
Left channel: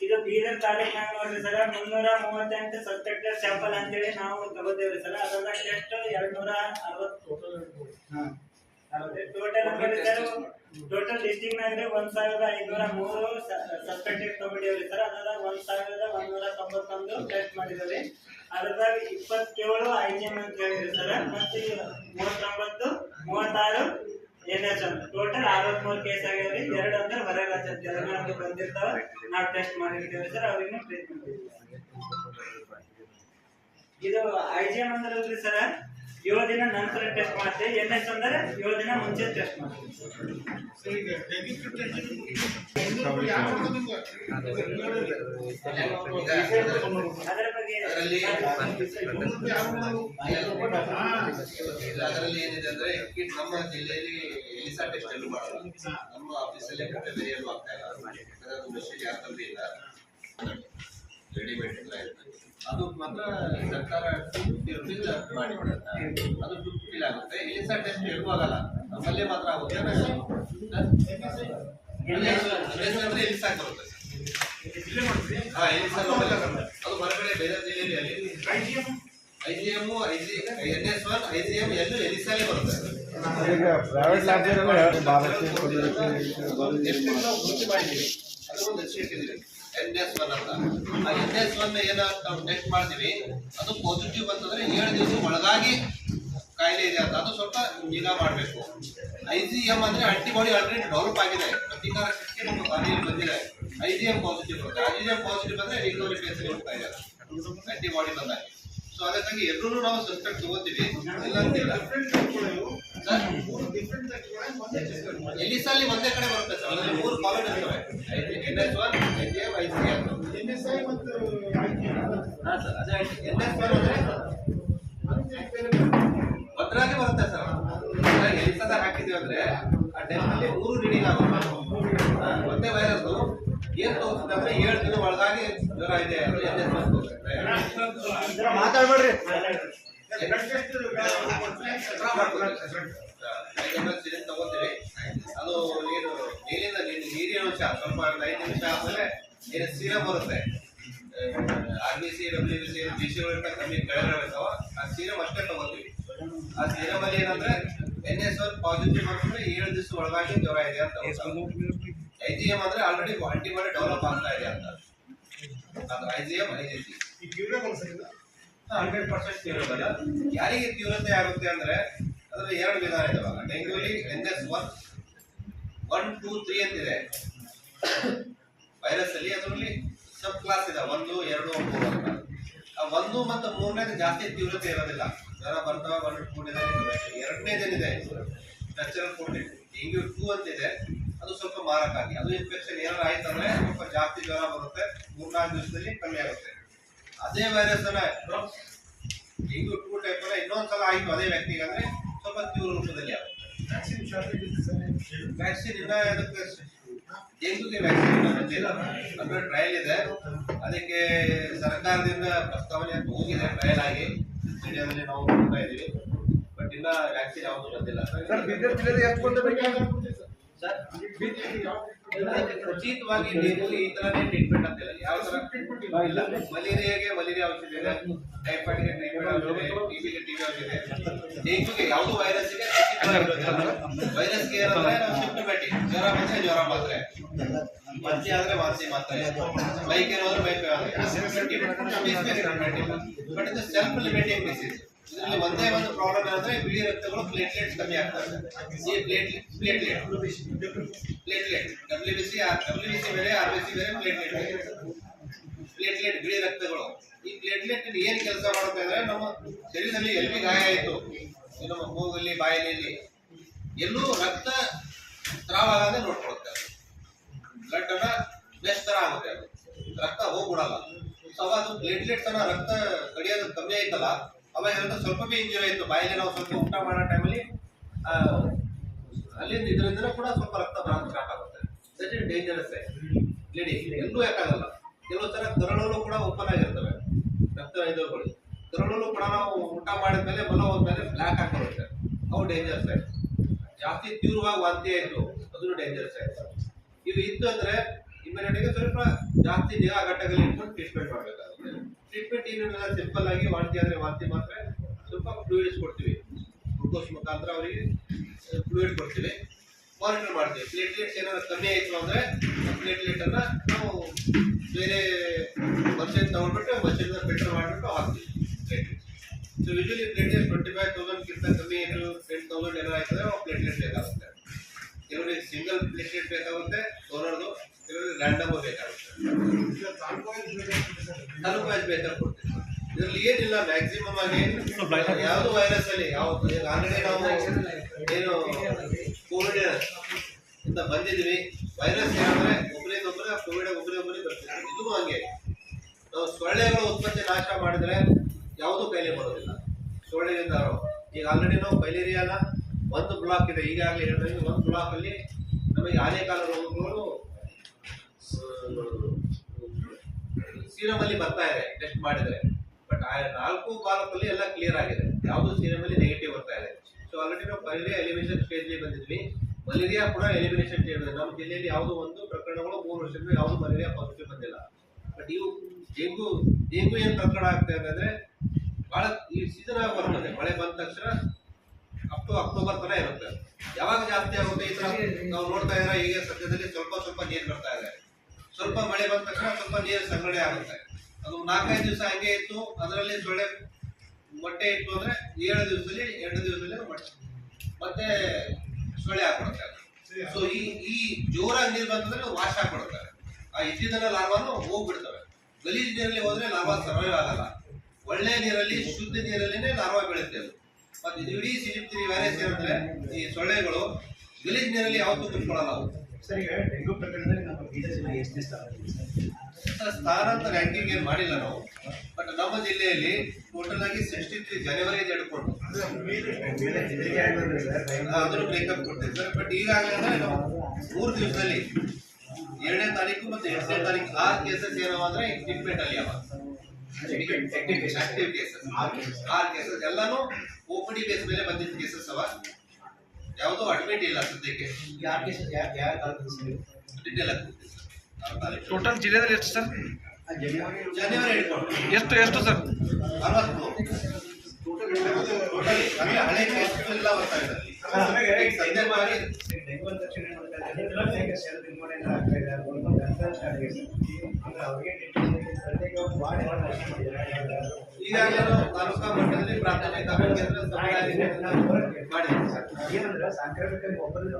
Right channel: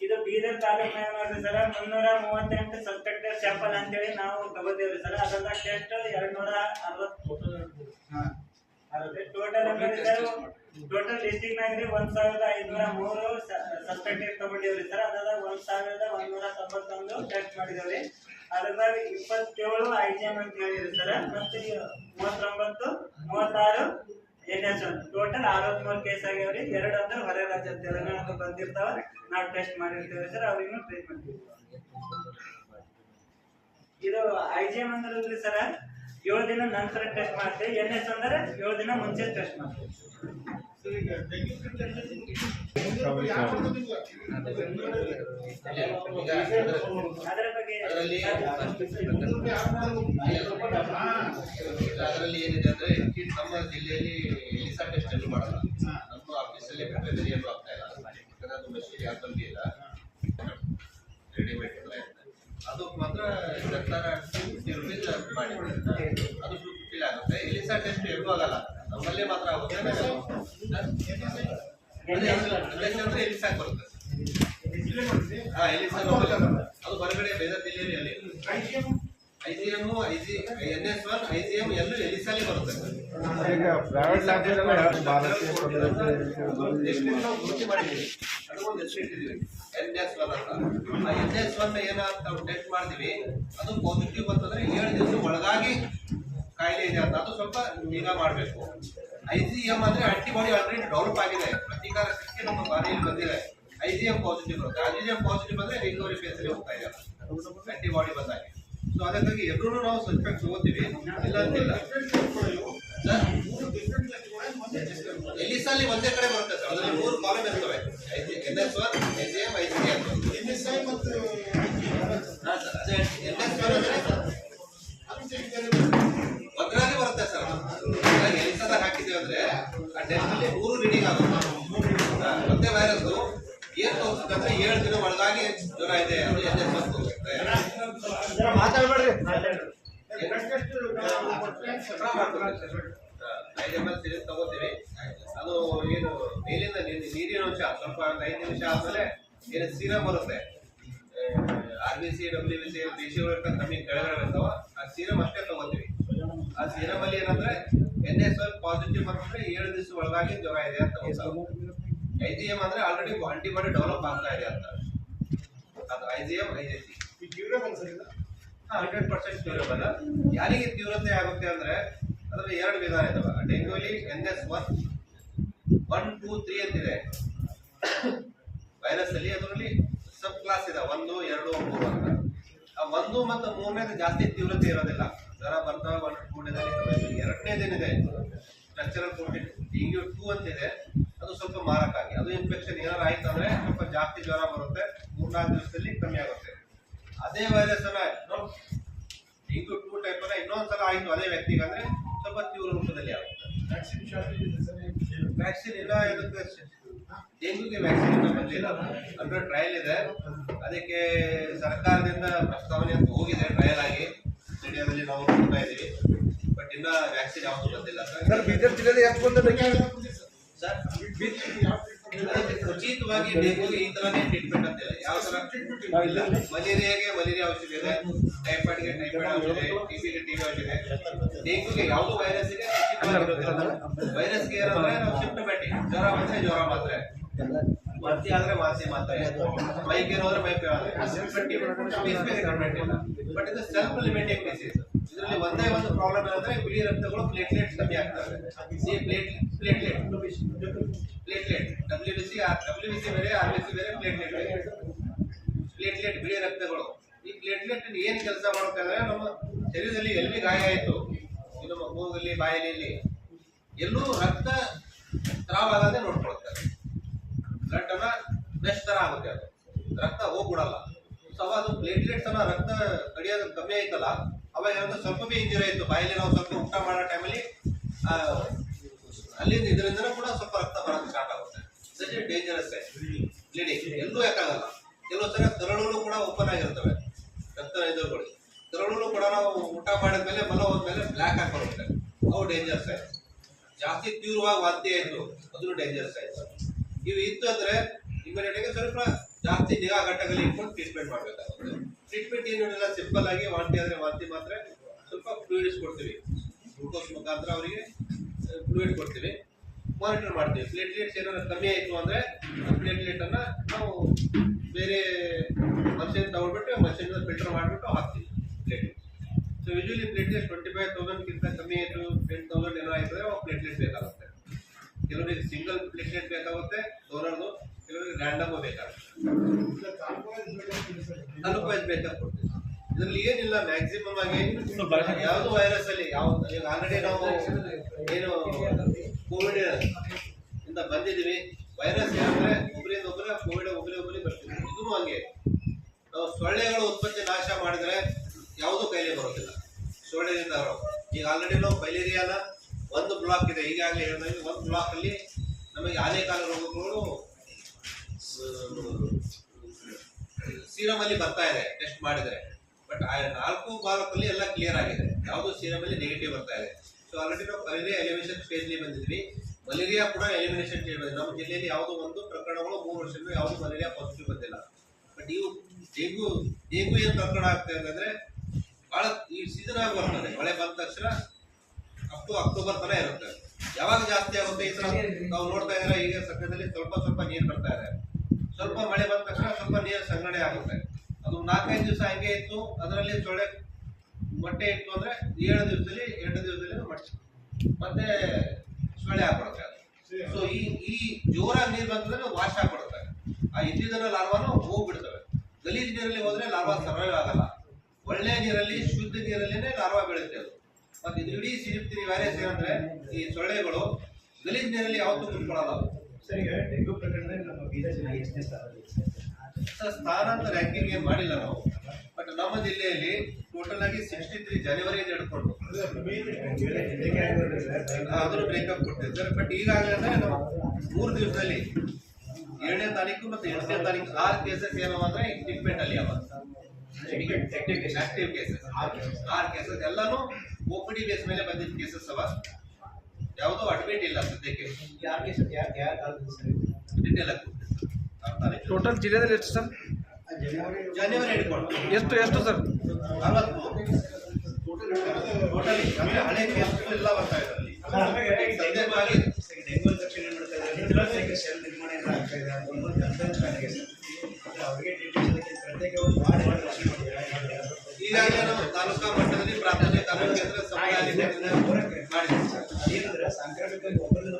ಇದು ಬೀದರ್ ತಾಲೂಕಿನಾಗ ನೋಡ್ರಿ ಸರ್, 338 ಸಸ್ಪೆಕ್ಟೆಡ್ ಸ್ಯಾಂಪಲ್ ಅಂತೇಳಿ ನಾವು ತಗೋತೇವ್ರಿ ಸರ್. ಅದೆಲ್ಲ test 260 total sir. Total district ನಾಗ್ರಿ 1503 ಸಸ್ಪೆಕ್ಟೆಡ್ ತಗೊಂಡಿವ್ರಿ ಸರ್. ಅದ್ರಾಗ 1191 ಟೆಸ್ಟ್ ಮಾಡಿದೇವ್ರಿ. ಅದ್ರದಾಗ 27 IGM ಅಂತ ಹೇಳಿದ್ರಿ ಸರ್. ಮತ್ತು 36 NS1 ಟೋಟಲ್ 63 ಕೇಸ್ ಆಗ್ಯಾವ್ರಿ. 2 ಅಂದ್ರೆ ಹೊರ ರಾಜ್ಯ ತೆಲಂಗಾಣ ಬಂದಿರ್ತಾವ, ನಾವು ಟೆಸ್ಟ್ ಮಾಡಿರ್ತೀವಿ ಸರ್. ಅವ್ರಿಗೂ ಟ್ರೀಟ್ಮೆಂಟ್ ಇದು IGM ಅಂದ್ರಲ್ರಿ ಸರ್, 7 ದಿನ ನಂತರ ಟೆಸ್ಟ್ ಮಾಡ್ತೀವಿ. NS ಅಂದ್ರೆ 7 ದಿನ ಮುಂಚೆ ಟೆಸ್ಟ್ ಮಾಡ್ತೀವಿ. ಅದರ ಬಗ್ಗೆ ಅದರಲ್ಲಿ ಏನಿದೆ ಅಂದ್ರೆ ನಮ್ಮ ಜಿಲ್ಲೆಯಲ್ಲಿ ಎಲಿಸಾ ಟೆಸ್ಟ್ ಎಲ್ಲೂ ಮಾಡಲ್ಲ. ನಮ್ಮ ಆಫೀಸಲ್ಲಿ ಬೇರೆಯಲ್ಲೂ ಆಗ್ತಾ ಇಲ್ಲ. ಯಾಕಂದ್ರೆ ಅದು ಮೆಸೇಜ್ ಯಾಕಂದ್ರೆ ಇಲ್ಲ, ರೆಡಿಮೇಡ್ ಎಲ್ಲ ಇರುತ್ತೆ. ಅದು ಮಾತ್ರ ಸರ್ಕಾರ 250 ರೂಪೀಸ್ ಮಾಡಿ ಅದು 250 ಆಗುತ್ತೆ. ಎಲಿಸಾ ಟೆಸ್ಟ್ ಎಲ್ಲೂ ಆಗಲ್ಲ, ನಮ್ಮಲ್ಲೇ ಮಾತ್ರ ಆಗುತ್ತೆ. ಅಂದ್ರೆ ಎಲಿಸಾ ಬರುತ್ತೆ ಎಲಿಸಾ ನಮ್ಮಲ್ಲಿ, ಅದು ಹೊರಗಡೆ ಬೇರೆ ಜಿಲ್ಲೆಯಲ್ಲಿ IGM, NS1, IGM ಎಲ್ಲೂ ಎಲಿಸಾಲಿ ಬರುತ್ತೆ. ಪ್ರೈವೇಟ್ ಲ್ಯಾಬ್ ಗುರುತಿ ಮಾಡಿದ್ದೀವಿ, ಅದು ಒಂದು ಹೆಸರು ಇಟ್ಟಿದ್ದೀವಿ NS1 ಅಂತ. ಆ NS1 ಏನಾದ್ರು ನಾವು ಟೆಸ್ಟ್ ಮಾಡ್ತೀವಿ, ಅದು ಪಾಸಿಟಿವ್ ಬಂತಂದ್ರೆ 7 ದಿವಸ ಒಳಗಾಗಿ ಕಾಯಿಲೆ ಇದೆ ಅಂತ, ಅದು ಸ್ವಲ್ಪ ನಿಗಾ ಮಾಡಬೇಕು. IGM ಅಂದ್ರೆ ಆಂಟಿಬಾಡಿ ಆಲ್ರೆಡಿ ಡೆವಲಪ್ ಆಗಿದೆ, ಪ್ರತಿಕಾರ ಶಕ್ತಿ ನಮ್ಮ ಬಾಡಿಯಲ್ಲಿ ಬಂದಿದೆ. IGM ಪಾಸಿಟಿವ್ ಬರುತ್ತೆ. IGM ಪಾಸಿಟಿವ್ ಬಂದ್ರೆ ರಿಕವರಿ ಫೇಸ್ ಅಲ್ಲಿ ಹೋಗ್ತಾ ಇದೆ ಆಂಟಿಬಾಡಿ ಬಂದಾಗೆ. ಸೊ ಅದಕ್ಕಾಗಿ ಎಲ್ಲರೂ ನಾವು ಸಸ್ಪೆಕ್ಟ್ ತಗೋತೀವಿ, ಇಲ್ಲ ಅಂತಿಲ್ಲ ಸರ್. ಎಲಿಸಲ್ಲಿ ಒಂದೇ ಕಡೆ ಬರುತ್ತೆ ಸರ್, ಅದರಲ್ಲಿ 3 ಕಾಲಮ್ ಇರ್ತವೆ, NS1, IGM, ICM. ಹಾ ಸರ್, ಅದೇ NS1 ಅಂದ್ರೆ ಭದ್ರಾಗಿ ಬರುತ್ತೆ ಸರ್. ಹಾಗಾಗಿ ಎಲಿಸಾದಾಗ ಹಾಕಿದ್ದೀವಿ ಅಂದ್ರೆ ಆ ಟೆಸ್ಟಲ್ಲಿ 3 ರೀಡಿಂಗ್ ಆಗುತ್ತೆ. ಮತ್ತೆ ವೈರಸ್ ಏನ್ ತೋರಿಸುತ್ತೆ ಅಂದ್ರೆ 7 ದಿನ ಒಳಗಾಗಿ ಜ್ವರ ಇದೆ, ಅದು NS1 ತೋರಿಸುತ್ತೆ. ತಗೋತೀವಿ, ಅದು ಏನು ಮೇಲಿಂದ ನೀರಿನ ಅಂಶ ಸ್ವಲ್ಪ 5 ನಿಮಿಷ ಆದ್ಮೇಲೆ ಏನು ಸೀರಮ್ ಬರುತ್ತೆ, RBC, WBC, BC ಕಮ್ಮಿ ಕೆಳಗಡೆ ಇರ್ತಾವ, ಆ ಸೀರಮ್ ಅಷ್ಟೇ ತಗೋತೀವಿ. ಆ ಸೀರಮ್ ಅಲ್ಲಿ ಏನಂದ್ರೆ NS1 ಪಾಸಿಟಿವ್ ಬಂದ್ರೆ 7 ದಿವಸ ಒಳಗಾಗಿ ಜ್ವರ ಇದೆ ಅಂತ. IgM ಅಂದ್ರೆ ಆಲ್ರೆಡಿ ಆಂಟಿಬಾಡಿ ಡೆವಲಪ್ ಆಗ್ತಾ ಇದೆ ಅಂತ. ಅದು IgM, IgG 100% ಕ್ಯೂರಬಲ್. ಯಾರಿಗೆ ತೀವ್ರತೆ ಆಗುತ್ತೆ ಅಂದ್ರೆ ಅದ್ರಲ್ಲಿ 2 ವಿಧಾನ ಇದಾವೆ. ಡೆಂಗ್ಯೂಲಿ NS1, 1, 2, 3 ಅಂತಿದೆ ವೈರಸ್ ಅಲ್ಲಿ. ಅದರಲ್ಲಿ ಸಬ್ ಕ್ಲಾಸ್ ಇದೆ 1, 2, 3 ಅಂತ. ಆ 1 ಮತ್ತು 3ನೇದು ಜಾಸ್ತಿ ತೀವ್ರತೆ ಇರೋದಿಲ್ಲ, ಜ್ವರ ಬರ್ತಾವ 1, 2 ಡೇದಲ್ಲಿ. 2ನೇದೇನಿದೆ ಸ್ಟ್ರಕ್ಚರಲ್ ಪ್ರೋಟೀನ್ ಡೆಂಗ್ಯೂ 2 ಅಂತಿದೆ, ಅದು ಸ್ವಲ್ಪ ಮಾರಕ್ಕಾಗಿ, ಅದು ಇನ್ಫೆಕ್ಷನ್ ಏನಾರು ಆಯ್ತು ಅಂದ್ರೆ ಸ್ವಲ್ಪ ಜಾಸ್ತಿ ಜ್ವರ ಬರುತ್ತೆ, 3-4 ದಿವಸದಲ್ಲಿ ಕಮ್ಮಿ ಆಗುತ್ತೆ. ಅದೇ ವೈರಸ್ ಅನ್ನ ಡೆಂಗ್ಯೂ 2 ಟೈಪ್ ಅನ್ನ ಇನ್ನೊಂದ್ಸಲ ಆಯ್ತು ಅದೇ ವ್ಯಕ್ತಿಗೆ ಅಂದ್ರೆ ಸ್ವಲ್ಪ ತೀವ್ರ ರೂಪದಲ್ಲಿ ಆಗುತ್ತೆ. ವ್ಯಾಕ್ಸಿನ್ ಇಲ್ಲ, ಅದಕ್ಕೆ ಡೆಂಗ್ಯೂಗೆ ವ್ಯಾಕ್ಸಿನ್ ಇನ್ನೂ ಬಂದಿಲ್ಲ, ಅಂದ್ರೆ ಟ್ರಯಲ್ ಇದೆ. ಅದಕ್ಕೆ ಸರ್ಕಾರದಿಂದ ಪ್ರಸ್ತಾವನೆ ಅಂತ ಹೋಗಿದೆ, ಟ್ರಯಲ್ ಆಗಿ ಇಂಡಿಯಾದಲ್ಲಿ ನಾವು ನೋಡ್ತಾ ಇದೀವಿ. ಬಟ್ ಇನ್ನ ವ್ಯಾಕ್ಸಿನ್ ಯಾವುದು ಬಂದಿಲ್ಲ ಸರ್. ಅದಕ್ಕೆ ಖಚಿತವಾಗಿ ಡೆಂಗ್ಯೂಗೆ ಈ ತರನೇ ಟ್ರೀಟ್ಮೆಂಟ್ ಅಂತಿಲ್ಲ, ಯಾವ ತರ ಇಲ್ಲ. ಮಲೇರಿಯಾಗೆ ಮಲೇರಿಯಾ ಔಷಧ ಇದೆ, ಟೈಫಾಯ್ಡ್ಗೆ ಟೈಫಾಯ್ಡ್ ಔಷಧ ಇದೆ, ಟಿಬಿಗೆ ಟಿಬಿ ಔಷಧ ಇದೆ. ಡೆಂಗ್ಯೂಗೆ ಯಾವುದು ವೈರಸ್ಗೆ ಖಚಿತವಾಗಿರೋದಿಲ್ಲ. ವೈರಸ್ಗೆ ಏನಂದ್ರೆ ನಾವು ಸಿಂಪ್ಟಮ್ಯಾಟಿಕ್, ಜ್ವರ ಬಂದ್ರೆ ಜ್ವರ ಮಾತ್ರೆ, ವಾಂತಿ ಆದ್ರೆ ವಾಂತಿ ಮಾತ್ರೆ, ಮೈಕೇನು ಹೋದ್ರೆ ಮೈಕೈ ಟ್ರೀಟ್ಮೆಂಟ್ ಇಲ್ಲ. ಬಟ್ ಇದು ಸೆಲ್ಫ್ ಲಿಮಿಟಿಂಗ್ ಡಿಸೀಸ್. ಇದರಲ್ಲಿ ಒಂದೇ ಒಂದು ಪ್ರಾಬ್ಲಮ್ ಏನಂದ್ರೆ ಬಿಳಿ ರಕ್ತಗಳು ಪ್ಲೇಟ್ಲೆಟ್ಸ್ ಕಮ್ಮಿ ಆಗ್ತವೆ. ಈ ಪ್ಲೇಟ್ಲೆಟ್ WBC ಬೇರೆ, RBC ಬೇರೆ, ಪ್ಲೇಟ್ಲೆಟ್ ಬಿಳಿ ರಕ್ತಗಳು. ಈ ಪ್ಲೇಟ್ಲೆಟ್ ಏನ್ ಕೆಲಸ ಮಾಡುತ್ತೆ ಅಂದ್ರೆ ನಮ್ಮ ಶರೀರದಲ್ಲಿ ಎಲ್ಲಿ ಗಾಯ ಆಯಿತು, ನಮ್ಮ ಮೂಗಲ್ಲಿ ಬಾಯಲ್ಲಿ ಎಲ್ಲೂ ರಕ್ತ ಸ್ರಾವ ಆಗದೆ ನೋಡ್ಕೊಳುತ್ತೆ. ಬ್ಲಡ್ ಅನ್ನ ಬೆಸ್ಟ್ ತರ ಆಗುತ್ತೆ, ಅದು ರಕ್ತ ಹೋಗ್ಬಿಡಲ್ಲ. ಸೊ ಅದು ಪ್ಲೇಟ್ಲೆಟ್ಸ್ ಅನ್ನ ರಕ್ತ ಕಡಿಯೋದು ಕಮ್ಮಿ ಆಯ್ತಲ್ಲ, ಅವಾಗ ಏನಾದ್ರು ಸ್ವಲ್ಪ ಬಿ ಇಂಜುರಿ ಆಯ್ತು, ಬಾಯಲ್ಲಿ ನಾವು ಸ್ವಲ್ಪ ಊಟ ಮಾಡೋ ಟೈಮಲ್ಲಿ ಅಲ್ಲಿಂದ ಇದರಿಂದ ಕೂಡ ಸ್ವಲ್ಪ ರಕ್ತ ಬರೋದು ಸ್ಟಾರ್ಟ್ ಆಗುತ್ತೆ. That is dangerous bleeding. ಎಲ್ಲೂ ಯಾಕಾಗಲ್ಲ. ಕೆಲವು ಸಲ ಕರಳಲ್ಲೂ ಕೂಡ ಓಪನ್ ಆಗಿರ್ತವೆ ರಕ್ತ ಇದರುಗಳು. ಕರಳಲ್ಲೂ ಕೂಡ ನಾವು ಊಟ ಮಾಡಿದ್ಮೇಲೆ ಮಲ ಹೋದ್ಮೇಲೆ ಬ್ಲ್ಯಾಕ್ ಆಗಿ ಬರುತ್ತೆ, ಅವು ಡೇಂಜರ್ಸ್ ಆಯ್ತು. ಜಾಸ್ತಿ ತೀವ್ರವಾಗಿ ವಾಂತಿ ಆಯ್ತು, ಅದನ್ನು ಡೇಂಜರ್ಸ್ ಆಯ್ತು. ಇವು ಇತ್ತು ಅಂದ್ರೆ ಇಮ್ಯುನಿಟಿಗೆ ಸ್ವಲ್ಪ ಜಾಸ್ತಿ ನಿಗಾ ಘಟ್ಟದಲ್ಲಿ ಇಟ್ಕೊಂಡು ಟ್ರೀಟ್ಮೆಂಟ್ ಮಾಡಬೇಕಾಗುತ್ತೆ. ಟ್ರೀಟ್ಮೆಂಟ್ ಏನಿಲ್ಲ, ಸಿಂಪಲ್ ಆಗಿ ವಾಂತಿ ಆದ್ರೆ ವಾಂತಿ ಮಾತ್ರೆ, ಸ್ವಲ್ಪ ಫ್ಲೂಯಿಡ್ಸ್ ಕೊಡ್ತೀವಿ, ಗ್ಲೂಕೋಸ್ ಮುಖಾಂತರ ಅವರಿಗೆ ಫ್ಲೂಯಿಡ್ ಕೊಡ್ತೀವಿ, ಮಾನಿಟರ್ ಮಾಡ್ತೀವಿ. ಪ್ಲೇಟ್ಲೆಟ್ಸ್ ಏನಾದ್ರು ಕಮ್ಮಿ ಆಯಿತು ಅಂದರೆ ಪ್ಲೇಟ್ಲೆಟ್ ಅನ್ನ ನಾವು ಬೇರೆ ಮಷಿನ್ ತಗೊಂಡ್ಬಿಟ್ಟು ಮಷಿನ್ ಫಿಲ್ಟರ್ ಮಾಡಿಬಿಟ್ಟು ಹಾಕ್ತೀವಿ ಪ್ಲೇಟ್ಲೆಟ್ಸ್. ಸೊ ಯೂಶಲಿ ಪ್ಲೇಟ್ಲೆಟ್ಸ್ 25,000ಕ್ಕಿಂತ ಕಮ್ಮಿ ಆಯಿತು, 10,000 ಏನೋ ಆಯ್ತದೆ, ಪ್ಲೇಟ್ಲೆಟ್ ಬೇಕಾಗುತ್ತೆ. ಕೆಲವರಿಗೆ ಸಿಂಗಲ್ ಪ್ಲೇಟ್ಲೆಟ್ ಬೇಕಾಗುತ್ತೆ ಡೋನರ್ದು, ಕೆಲವರಿಗೆ ರ್ಯಾಂಡಮ್ ಬೇಕಾಗುತ್ತೆ, ತಾಲೂಕು ವೈಸ್ ಬೇಕಾದ್ರೆ ಕೊಡ್ತೀವಿ. ಇದರಲ್ಲಿ ಏನಿಲ್ಲ, ಮ್ಯಾಕ್ಸಿಮಮ್ ಆಗಿ ಯಾವುದು ವೈರಸ್ ಅಲ್ಲಿ ಯಾವ್ದು ಆಲ್ರೆಡಿ ನಾವು ಏನು ಕೋವಿಡ್ ಇಂದ ಬಂದಿದ್ವಿ. ವೈರಸ್ ಏನಂದ್ರೆ ಒಬ್ಬರಿಂದ ಒಬ್ಬರೇ ಕೋವಿಡ್ ಒಬ್ಬರೇ ಬರ್ತಿದ್ವಿ. ಇದೂ ಹಂಗೆ ನಾವು ಸೊಳ್ಳೆಗಳು ಉತ್ಪತ್ತಿ ನಾಶ ಮಾಡಿದ್ರೆ ಯಾವುದೂ ಕೈಲಿ ಬರೋದಿಲ್ಲ. ಸೊಳ್ಳೆಯಿಂದ ಈಗ ಆಲ್ರೆಡಿ ನಾವು ಫೈಲೇರಿಯಾನ ಒಂದು ಬ್ಲಾಕ್ ಇದೆ, ಈಗಾಗಲೇ ಹೇಳಿದಂಗೆ ಒಂದು ಬ್ಲಾಕ್ ಅಲ್ಲಿ ನಮಗೆ ಆನೆಕಾಲ ರೋಗಗಳು ಸೀರಮ್ ಅಲ್ಲಿ ಬರ್ತಾ ಇದೆ ಟೆಸ್ಟ್ ಮಾಡಿದ್ರೆ. ಬಟ್ 4 ಬ್ಲಾಕಲ್ಲಿ ಎಲ್ಲ ಕ್ಲಿಯರ್ ಆಗಿದೆ, ಯಾವುದು ಸೀರಮ್ ಅಲ್ಲಿ ನೆಗೆಟಿವ್ ಬರ್ತಾ ಇದೆ. ಸೊ ಆಲ್ರೆಡಿ ನಾವು ಮಲೇರಿಯಾ ಎಲಿಮಿನೇಷನ್ ಸ್ಟೇಜ್ಲಿ ಬಂದಿದ್ವಿ. ಮಲೇರಿಯಾ ಕೂಡ ಎಲಿಮಿನೇಷನ್ ಸ್ಟೇಜ್ ಬಂದಿದೆ. ನಮ್ಮ ಜಿಲ್ಲೆಯಲ್ಲಿ ಯಾವುದೋ ಒಂದು ಪ್ರಕರಣಗಳು 3 ವರ್ಷದಿಂದ ಯಾವುದು ಮಲೇರಿಯಾ ಪಾಸಿಟಿವ್ ಬಂದಿಲ್ಲ. ಬಟ್ ಇವು ಡೆಂಗು ಏನು ಪ್ರಕರಣ ಆಗ್ತದೆ ಅಂತಂದ್ರೆ ಬಹಳ ಈ ಸೀಸನ್ ಆಗಿ ಬರ್ತದೆ. ಮಳೆ ಬಂದ ತಕ್ಷಣ ಅಪ್ ಟು ಅಕ್ಟೋಬರ್ ತನಕ ಇರುತ್ತೆ. ಯಾವಾಗ ಜಾಸ್ತಿ ಆಗುತ್ತೆ ಈ ತರ ನಾವು ನೋಡ್ತಾ ಇದ್ರೆ, ಈಗ ಸದ್ಯದಲ್ಲಿ ಸ್ವಲ್ಪ ನೀರು ಬರ್ತಾ ಇದೆ. ಸ್ವಲ್ಪ ಮಳೆ ಬಂದ ತಕ್ಷಣ ಸ್ವಲ್ಪ ನೀರು ಸಂಗ್ರಹಣೆ ಆಗುತ್ತೆ. ಅದು 4-5 ದಿವಸ ಹಂಗೆ ಇತ್ತು, ಅದರಲ್ಲಿ ಸೊಳ್ಳೆ ಮೊಟ್ಟೆ ಇತ್ತು ಅಂದ್ರೆ 2 ದಿವಸದಲ್ಲಿ ಮತ್ತೆ ಸೊಳ್ಳೆ ಹಾಕ್ಬಿಡುತ್ತೆ. ಸೊ ಈ ಜೋರಾಗಿ ನೀರು ಬಂತಂದ್ರೆ ವಾಶ್ ಹಾಕ್ಬಿಡುತ್ತೆ. ಆ ಇದ್ದಿದ್ದನ್ನ ಲಾರ್ವಾನು ಹೋಗ್ಬಿಡ್ತವೆ. ಗಲೀಜ್ ನೀರಲ್ಲಿ ಹೋದ್ರೆ ಲಾರ್ವಾ ಸರ್ವೈವ್ ಆಗಲ್ಲ. ಒಳ್ಳೆ ನೀರಲ್ಲಿ ಶುದ್ಧ ನೀರಲ್ಲಿನೇ ಲಾರ್ವಾ ಬೆಳುತ್ತೆ ಅದು. ಮತ್ತೆ ಇದು ಇಡೀ ಸಿಜಿಪ್ತಿರಿ ವೈರಸ್ ಏನಂದ್ರೆ ಈ ಸೊಳ್ಳೆಗಳು ಗಲೀಜ್ ನೀರಲ್ಲಿ ಯಾವತ್ತೂ ಕುತ್ಕೊಳ್ಳಲ್ಲ ಅವು. ಸರ್ ಈಗ ಡೆಂಗು ಪ್ರಕರಣದಲ್ಲಿ ನಮ್ಮ ಬೀದರ್ ಜಿಲ್ಲೆ ಎಷ್ಟನೇ ಸ್ಥಾನ ಇದೆ ಸರ್? ಸ್ಥಾನ ಅಂತ ರ್ಯಾಂಕಿಂಗ್ ಏನು ಮಾಡಿಲ್ಲ ನಾವು. ಬಟ್ ನಮ್ಮ ಜಿಲ್ಲೆಯಲ್ಲಿ ಟೋಟಲ್ ಆಗಿ 63 ಜನವರಿಯಿಂದ ಹಿಡ್ಕೊಂಡು ಬೇರೆ ಜಿಲ್ಲೆಗೆ ಆಗಿರೋದು ಸರ್. ಅದನ್ನು ಬ್ರೇಕಪ್ ಕೊಡ್ತೇವೆ ಸರ್. ಬಟ್ ಈಗಾಗಲೇ ಅಂದ್ರೆ ನಾವು 3 ದಿವಸದಲ್ಲಿ 2ನೇ ತಾರೀಕು ಮತ್ತು 8ನೇ ತಾರೀಕು 6 ಕೇಸಸ್ ಏನವ ಅಂದ್ರೆ ಟ್ರೀಟ್ಮೆಂಟ್ ಅಲ್ಲಿ ಅವ ಆಕ್ಟಿವ್ ಕೇಸಸ್ 6 ಕೇಸಸ್ ಎಲ್ಲಾನು OPD ಬೇಸ್ ಮೇಲೆ ಬಂದಿದ್ದ ಕೇಸಸ್ ಅವ. ಯಾವುದೋ ಅಡ್ಮಿಟ್ ಇಲ್ಲ ಸದ್ಯಕ್ಕೆ. ಯಾರು ಕೇಸಸ್ ಯಾರು ತಾಲೂಕು ಸರ್? ಡಿಟೇಲ್ ಆಗಿ ಕೊಡ್ತೀವಿ ಸರ್. 6 ತಾರೀಕು ಟೋಟಲ್ ಜಿಲ್ಲೆದಲ್ಲಿ ಎಷ್ಟು ಸರ್? ಜನವರಿ ಹಿಡ್ಕೊಂಡು ಎಷ್ಟು ಸರ್? 60 ಟೋಟಲಿ ಅಂದ್ರೆ ಹಳೆ ಕೇಸಸ್ ಎಲ್ಲ ಬರ್ತಾ ಇದೆ ಅಲ್ಲಿ. ಸದ್ಯವಾಗಿ ಡೆಂಗು ತಕ್ಷಣ ಏನ್ ಮಾಡ್ತಾ ಇದ್ದಾರೆ ಈಗ ಸೆಲ್ ನಿರ್ಮಾಣ ಆಗ್ತಾ ಇದೆ. ಇನ್ನೊಂದು ಕಂಟೆಂಟ್ ಆಗಿದೆ ಸರ್. ಅಂದ್ರೆ ಅವರಿಗೆ ಟ್ರೀಟ್ಮೆಂಟ್ ಪ್ರತ್ಯೇಕ ಒಂದು ವಾರ್ಡ್ ರಚನೆ ಮಾಡಿದ್ದಾರೆ. ಈಗಾಗಲೇ ನಾವು ತಾಲೂಕಾ ಮಟ್ಟದಲ್ಲಿ ಪ್ರಾಥಮಿಕ ಆರೋಗ್ಯ ಕೇಂದ್ರ ಸಮುದಾಯ ಮಾಡಿದ್ದೀವಿ ಸರ್. ಏನಂದ್ರೆ ಸಾಂಕ್ರಾಮಿಕ ಒಬ್ಬರಿಂದ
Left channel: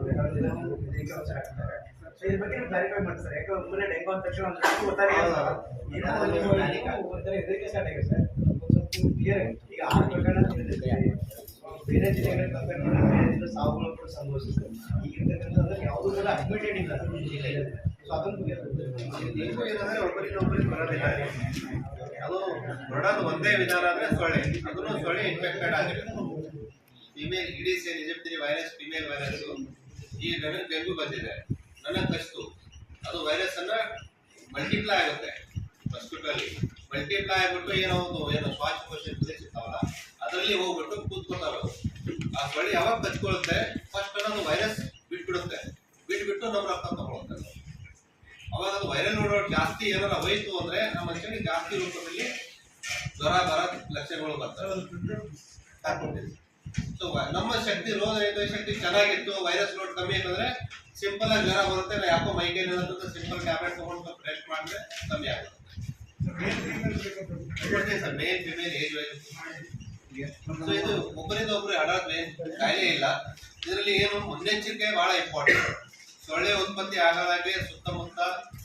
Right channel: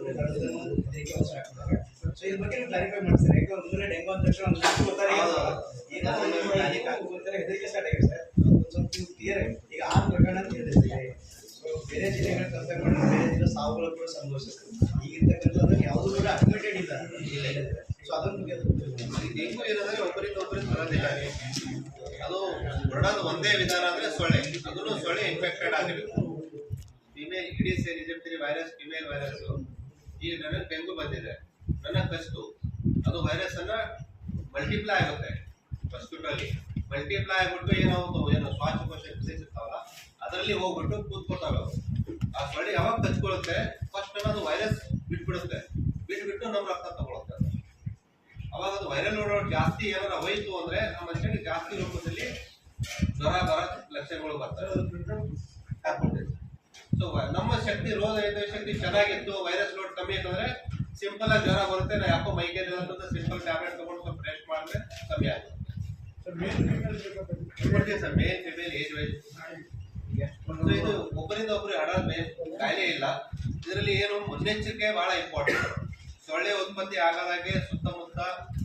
ಇದಕ್ಕೆ ಅವಸರ ಆಗ್ತಾರೆ. ಸೊ ಇದ್ರ ಬಗ್ಗೆ ಕ್ಲಾರಿಫೈ ಮಾಡ್ತಾರೆ. ಯಾಕೆ ಒಬ್ಬರೇ ಡೆಂಗು ಅಂದ ತಕ್ಷಣ ಒಂದು ಗೊತ್ತಾರೆ ಏನೋ ಒಂದು ಹೆದರಿಕೆ ಸ್ಟಾರ್ಟ್ ಆಗಿದೆ ಸರ್. ಒಂದು ಸ್ವಲ್ಪ ಕ್ಲಿಯರ್ ಈಗ 6 ಪ್ರಕರಣ ಅಂತ ಹೇಳಿದ್ರೆ ಸೊ ಬೇರೆ ಜಿಲ್ಲೆಗಳ ಕಂಪೇರ್ ಮಾಡಿದ್ರೆ ಬೇರೆ ಸಾವುಗಳು ಕೂಡ ಸಂಭವಿಸುತ್ತೆ. ಈಗಿರ್ತಕ್ಕಂಥದ್ದು ಯಾವುದೂ ಕೂಡ ಅಡ್ಮಿಟೆಡ್ ಇಲ್ಲ ಸೊ ಅದನ್ನು ಡೆಂಗು ಏನಂದ್ರೆ ಒಬ್ಬರಿಂದ ಒಬ್ಬರಿಗೆ ಬರೋದಿಲ್ಲ. ಅದು ಬರೋದು ಒಂದೇ ವಿಧಾನ ಅಂದ್ರೆ ಸೊಳ್ಳೆ. ಅದನ್ನು ಸೊಳ್ಳೆ ಇನ್ಫೆಕ್ಟೆಡ್ ಆಗಿರುತ್ತೆ. Female Aedes Egyptian virus female virus ಈಗ ನನಗೆ ಡೆಂಗು ಬಂದಿದೆ, ನನಗೆ ಕಚ್ತು. ಅದು ವೈರಸ್ ಅನ್ನ ಮಲ್ಟಿಪ್ಲೈ ಆಗುತ್ತೆ ಮಸ್ಕಿಟೋ ಅಲ್ಲಿ. ಮಲ್ಟಿಪ್ಲೈ ಆಗ್ಬಿಟ್ಟು ಏನು ಶ್ವಾಸಕೋಶ ಇರ್ತಾವಲ್ಲ ಅದರಲ್ಲಿ ಹೋಗ್ಬಿಟ್ಟು ಕೂತ್ಕೊತಾವೆ ಅವು. ಆ ಸೊಳ್ಳೆ ಯಾವಾಗ ಕಚ್ಕೊಳ್ಳುತ್ತೆ ಫಸ್ಟ್ ಅದು ವೈರಸ್ ಬಿಟ್ಬಿಡುತ್ತೆ. ಬಿಟ್ಬಿಟ್ಟು ನಮ್ಮ ರಕ್ತ ತಗೊಳುತ್ತೆ. ಅವಾಗ ಅದು ವೈರಲ್ ನೋಡೋದು ಜಾಸ್ತಿ ಏನಾರ ಹೋಯ್ತು ಅಂದ್ರೆ ನಮ್ಮ ಮನುಷ್ಯನಿಗೆ ಜಾಸ್ತಿ ರೂಪದಲ್ಲಿ ಜ್ವರ ಬರೋ ಲಕ್ಷಣಗಳು ಬರ್ತವೆ. ಸೊ ನಮ್ಮ ಶಕ್ತಿ ರೋಗ ಶಕ್ತಿ ಚೆನ್ನಾಗಿತ್ತು, ವೈರಸ್ ಲೋಡ್ ಕಮ್ಮಿ ಅಂತಂದ್ರೆ ಸಿಂಪಲ್ ಆಗಿ ಜ್ವರ ಬರುತ್ತೆ. ನಾವು ಯಾಕೋ ಮೈಕೈ ಅಂತ ಸಿಂಪಲ್ ಟ್ಯಾಬ್ಲೆಟ್ ತಗೊಂಡು ಸ್ವಲ್ಪ ರೆಸ್ಟ್ ಮಾಡಿದ್ರೆ ಕಮ್ಮಿ ಆಗುತ್ತೆ sir. Male female age wise. So ಇದು ಒಬ್ಬರಿಂದ ಒಬ್ಬರು ಹರಡೋದು ಕಾಯಿಲೆ ಇಲ್ಲ. ಇದರಲ್ಲಿ ಏನು ಮುನ್ನೆಚ್ಚರಿಕೆ ಬಹಳ ಇಂಪಾರ್ಟೆಂಟ್. ಸೊಳ್ಳೆ ಉತ್ಪತ್ತಿ ಆಗದಾಗೆ ಸುತ್ತಮುತ್ತ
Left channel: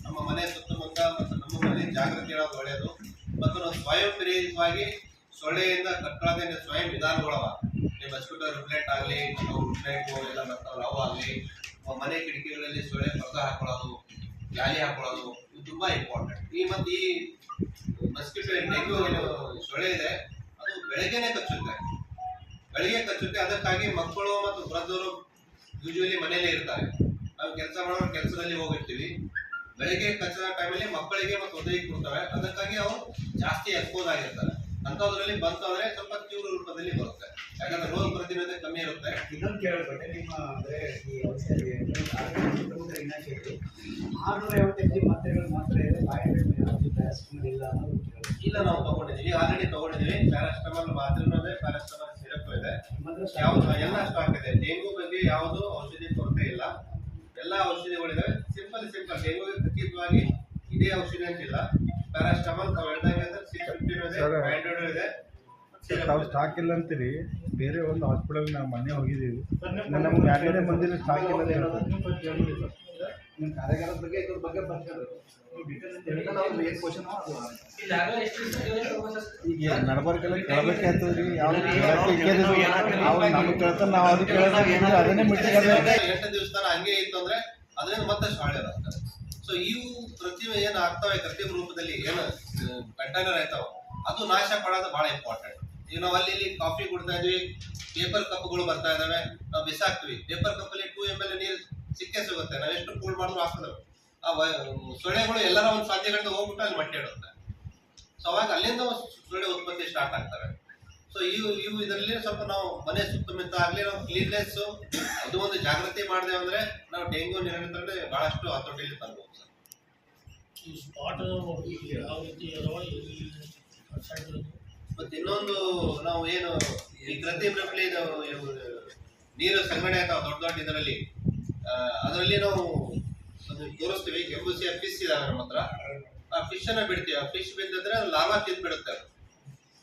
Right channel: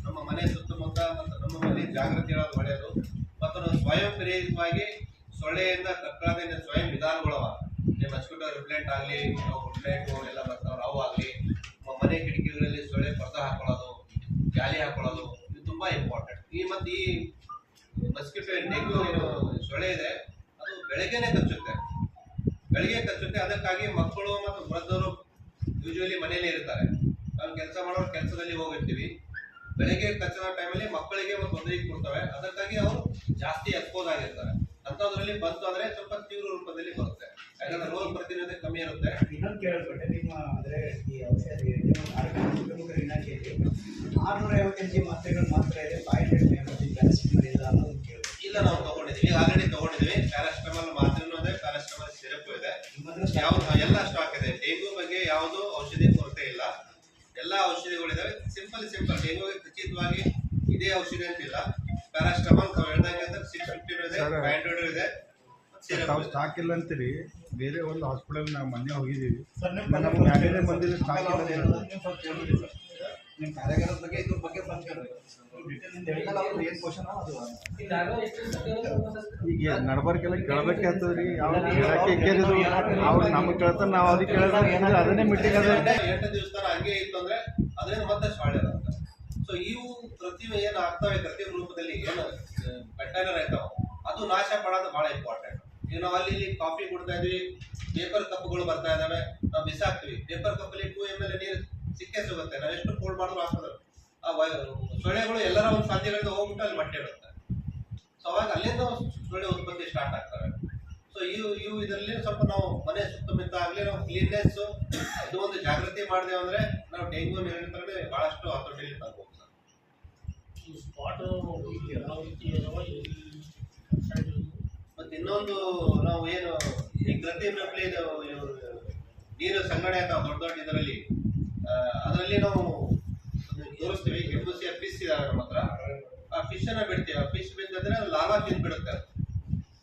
ನಮ್ಮ ಮನೆ ಸುತ್ತಮುತ್ತ ಮತ್ತು ನಮ್ಮ ಮನೆ ಜಾಗೃತಿ ಹೇಳೋದು ಒಳ್ಳೆಯದು. ಮತ್ತು ನಾವು ಸ್ವಯಂ ಪ್ರೇರಿತವಾಗಿ ಸೊಳ್ಳೆಯಿಂದ ಕಟ್ಕೊಳ್ಳೋದೇ ಸ್ವಯಂ ವಿಧಾನಗಳವ. ನಿಮ್ಮ ಮಸ್ಕಿಟೋ ರಿಪ್ಲೆಂಟ್ ಆಗಲಿ, ನಾವು ರಿಪ್ಲೆಂಟು ಎಲ್ಲ ಬರ್ತಾವಲ್ಲ ಅವು ಆಗಲಿ, ಮನೆ ಕಿಟಕಿಗಳಲ್ಲಿ ಸೊಳ್ಳೆ ಪರ್ದ ಹಾಕೊಳ್ಳೋದು, ಜಾಲಿ ಹಾಕೊಳ್ಳೋದು ಇದು ತುಂಬ ಇಂಪಾರ್ಟೆಂಟ್. ಮತ್ತು ಈ ಮಸ್ಕಿಟೋ ಡೆಂಗು ಏನು ಸೊಳ್ಳೆ ಇದೆ ಅದು ಬೆಳಗ್ಗೆನೆ ಕಚ್ಚುತ್ತೆ. ಬೆಳಗ್ಗೆ ಕಚ್ಚುತ್ತೆ. ಅದಕ್ಕಾಗಿ ಮಕ್ಕಳು ಮತ್ತು ವೃದ್ಧರು ಯೂಶುವಲಿ ಮನೆಯಲ್ಲೇ ಇರ್ತಾರೆ. ನಾವು ಕೆಲಸ ಮಾಡೋರು ಕೆಲಸದಲ್ಲಿ ಹೋಗಿರ್ತೀವಿ. ಬೆಳಗ್ಗೆ ಕಚ್ಚದ ಟೈಮಲ್ಲಿ ಮಕ್ಕಳಿಗೆ ಮತ್ತು ಒದರಿಗೆ ಕೊಡ್ತವೆ. ಅದಕ್ಕಾಗಿ ಅವರು ಜಾಸ್ತಿ ಎಕ್ಸ್ಪೋಸ್ ಆಗಿರ್ತಾರೆ. ಅಂಥದ್ರಲ್ಲಿ ಬಂತು ಅಂದ್ರೆ ಸ್ವಲ್ಪ ತೀವ್ರ ರೂಪದಲ್ಲಿ ಬರುತ್ತೆ. ಯಾಕಂದ್ರೆ ರೋಗ ಪ್ರತಿರೋಧ ಕಮ್ಮಿ ಇರುತ್ತೆ. ಇನ್ನೊಂದು ಕೇಳಲ್ಪಟ್ಟೆ ನಿಮ್ಮ ಅಂದ್ರೆ ಈ ಔಷಧಿ ಆರೋಗ್ಯ ಕುಟುಂಬ ಇಲಾಖೆಯಲ್ಲಿ 650 mg ಮಾತ್ರೆಗಳು ಮಾತ್ರ ಇದೆ, 500 ಪ್ಯಾರಾಸಿಟಮಾಲ್ ಇಲ್ಲ ಅನ್ನೋದು ಕೇಳಿದೆ. ಇಲ್ಲ, ನಾವು ತಗೊಂಡಿದ್ದೀವಿ, ಆಲ್ರೆಡಿ ತಗೊಂಡಿದ್ದೀವಿ. ಪ್ಯಾರಾಸಿಟಮಾಲ್ ಮಾತ್ರೆನೂ ಇದೆ, ಪ್ಯಾರಾಸಿಟಮಾಲ್ ಸಿರಪ್ ಇದೆ, ಯಾವ್ದು ಎಲ್ಲ ಸ್ಟಾಕ್ ಇದೆ. ಡೆಂಗು ಬಗ್ಗೆ ಯಾವುದು ಔಷಧಿ ಕೊರತೆ ಇಲ್ಲ. ಎಲ್ಲ ಔಷಧಿಗಳಿದಾವೆ. ಸಿಂಪಲ್ ಡೆಂಗುಗೆ ಖಚಿತವಾಗಿ ಇದೇ ಔಷಧಿ ಅಂತಿಲ್ಲ. ಪ್ಯಾರಾಸಿಟಮಾಲ್ ತಾವು ಹೇಳ್ದಂಗೆ 650 ಇದೆ, 500 ಇದೆ. ತಾವು ಸ್ಟಾಕ್ ಇಲ್ಲ ಅಂತೀರಿ. ಬೇರೆ ಒಂದು ಹಾಸ್ಪಿಟಲ್ ನಾವು ಮೊನ್ನೆ ಹೋಗಿದ್ದೀವಿ, ನಮಗೆ ಮ್ಯಾಲಿನ ಮಂದಿರ ಸ್ಟಾಕ್ ಇಲ್ಲ. ನಿಮ್ಮ ಕಾರ್ಯಾಗಾರದ ಬಗ್ಗೆ ಇದ್ರ ಬಗ್ಗೆ ಬಂದ್ಕೊಂಡು ಡೀಟೇಲ್ ಅಂತ ಹೇಳಿಲ್ಲ ಅವ್ರು ಏನು ಕ್ವಶನ್ ಈಗ ನಡಬರ್ಕೆಲ್ಲ ಕೇಳಬೇಕೆ ಆಗ್ತದ್ರಿ. ಯಾವ್ದು ಕೇಳಕ್ಕೆ ಕೇಳಿದ್ರು ಅವ್ರು ನಮಗೆ ಕೇಳ್ತಾರೆ, ನಾವು ಅದಕ್ಕೆ ಕೇಳಿದ್ರೆ ಅದನ್ನೇ ಮೀಟಿಂಗ್ ಅದ. 8 ದಿವಸ ಹಂಗೆ ಇತ್ತು ಅಂದ್ರೆ ಅದರಿಂದ ಮತ್ತೆ ಸೊಳ್ಳೆ ಬರ್ತವೆ. ಸೊ ಇವು ಏನು ಆಗ್ತವೆ ಕೃತ್ರಿಮ ರೂಪದಲ್ಲಿ ಏನು ಕಂಟೈನರ್ ಆಯ್ತಾವ ಅದು ನಾಶ ಪಡೋದು ಬಹಳ ಇಂಪಾರ್ಟೆಂಟ್. ಈಗ ನಾವು ಅಲ್ಲಿ ಕಾಫಿ ಕುಡ್ತಾ ಇದ್ವಿ, ಪೇಪರ್ ಕಪ್ಗಳು ಬರ್ತಾ ಇದಾವೆ, ನಾವು ಬಿಸಾಕ್ತಿವಿ. ಪೇಪರ್ ಕಪ್ಪಲ್ಲಿ 2 ml ನೀರು ಸಿಕ್ಕೇ ಸಿಗುತ್ತೆ. ನಾವು ಎಷ್ಟು ಕೂಲ್ ಮಾಡಿದ್ರು ಹಾಕಿದ್ರು ಆ ಸೊಳ್ಳೆಗಳು ಎಲ್ಲರ ಒಂದು ಸಾಧ್ಯಗಳಿಂದ ಹೋಗ್ಬಿಟ್ಟು ಅಲ್ಲಿ ಮಟ್ಟೆ ಇಡುತ್ತೆ. ಸೊ ಅವಾಗ ಅಲ್ಲಿಂದ ಸೊಳ್ಳೆ ಉತ್ಪತ್ತಿ ಸ್ಟಾರ್ಟ್ ಆಗ್ತವೆ. ಸೊ ಇವು ಇದರಲ್ಲಿ ಸ್ವಲ್ಪ ನಾವು ಮನೆ ಸುತ್ತಮುತ್ತ ಆಗಲಿ ನಾವು ಕ್ಲೀನ್ನೆಸ್ ಇದು ಒಂದು ಜಾಗೃತಿ ಮಾಡಿದೆ ಅಂದ್ರೆ ನಾವು ಡೆಂಗು ನಿಯಂತ್ರಣ ಬಹಳಷ್ಟು ಹತೋಟಿಯಲ್ಲಿ ತರಬಹುದು ಸರ್. ಮತ್ತೆ ಇನ್ನೊಂದು ನಾವು ಏನು ಈ ಕೃತ್ರಿಮ ರೂಪದಲ್ಲಿ ನೀರು ಸಂಗ್ರಹಣೆ ಆಗ್ತಾವ ದೊಡ್ಡ ಇದರಲ್ಲಿ ಅದರಲ್ಲಿ ನಾವು ತೋರಿಸ್ತೀವಿ. ಕೆಂಬುಸಿಯ ಫಿಶ್ ಇದಾವೆ ನಮ್ಮ ಹತ್ರ. ಆ ಫಿಶ್ ಅನ್ನ ಬಿಡ್ತೀವಿ. ಆ ಫಿಶ್ ಬಿದ್ದಂದ್ರೆ ಅದು ಲಾರ್ವಾ ತಿಂದ್ಬಿಡುತ್ತೆ.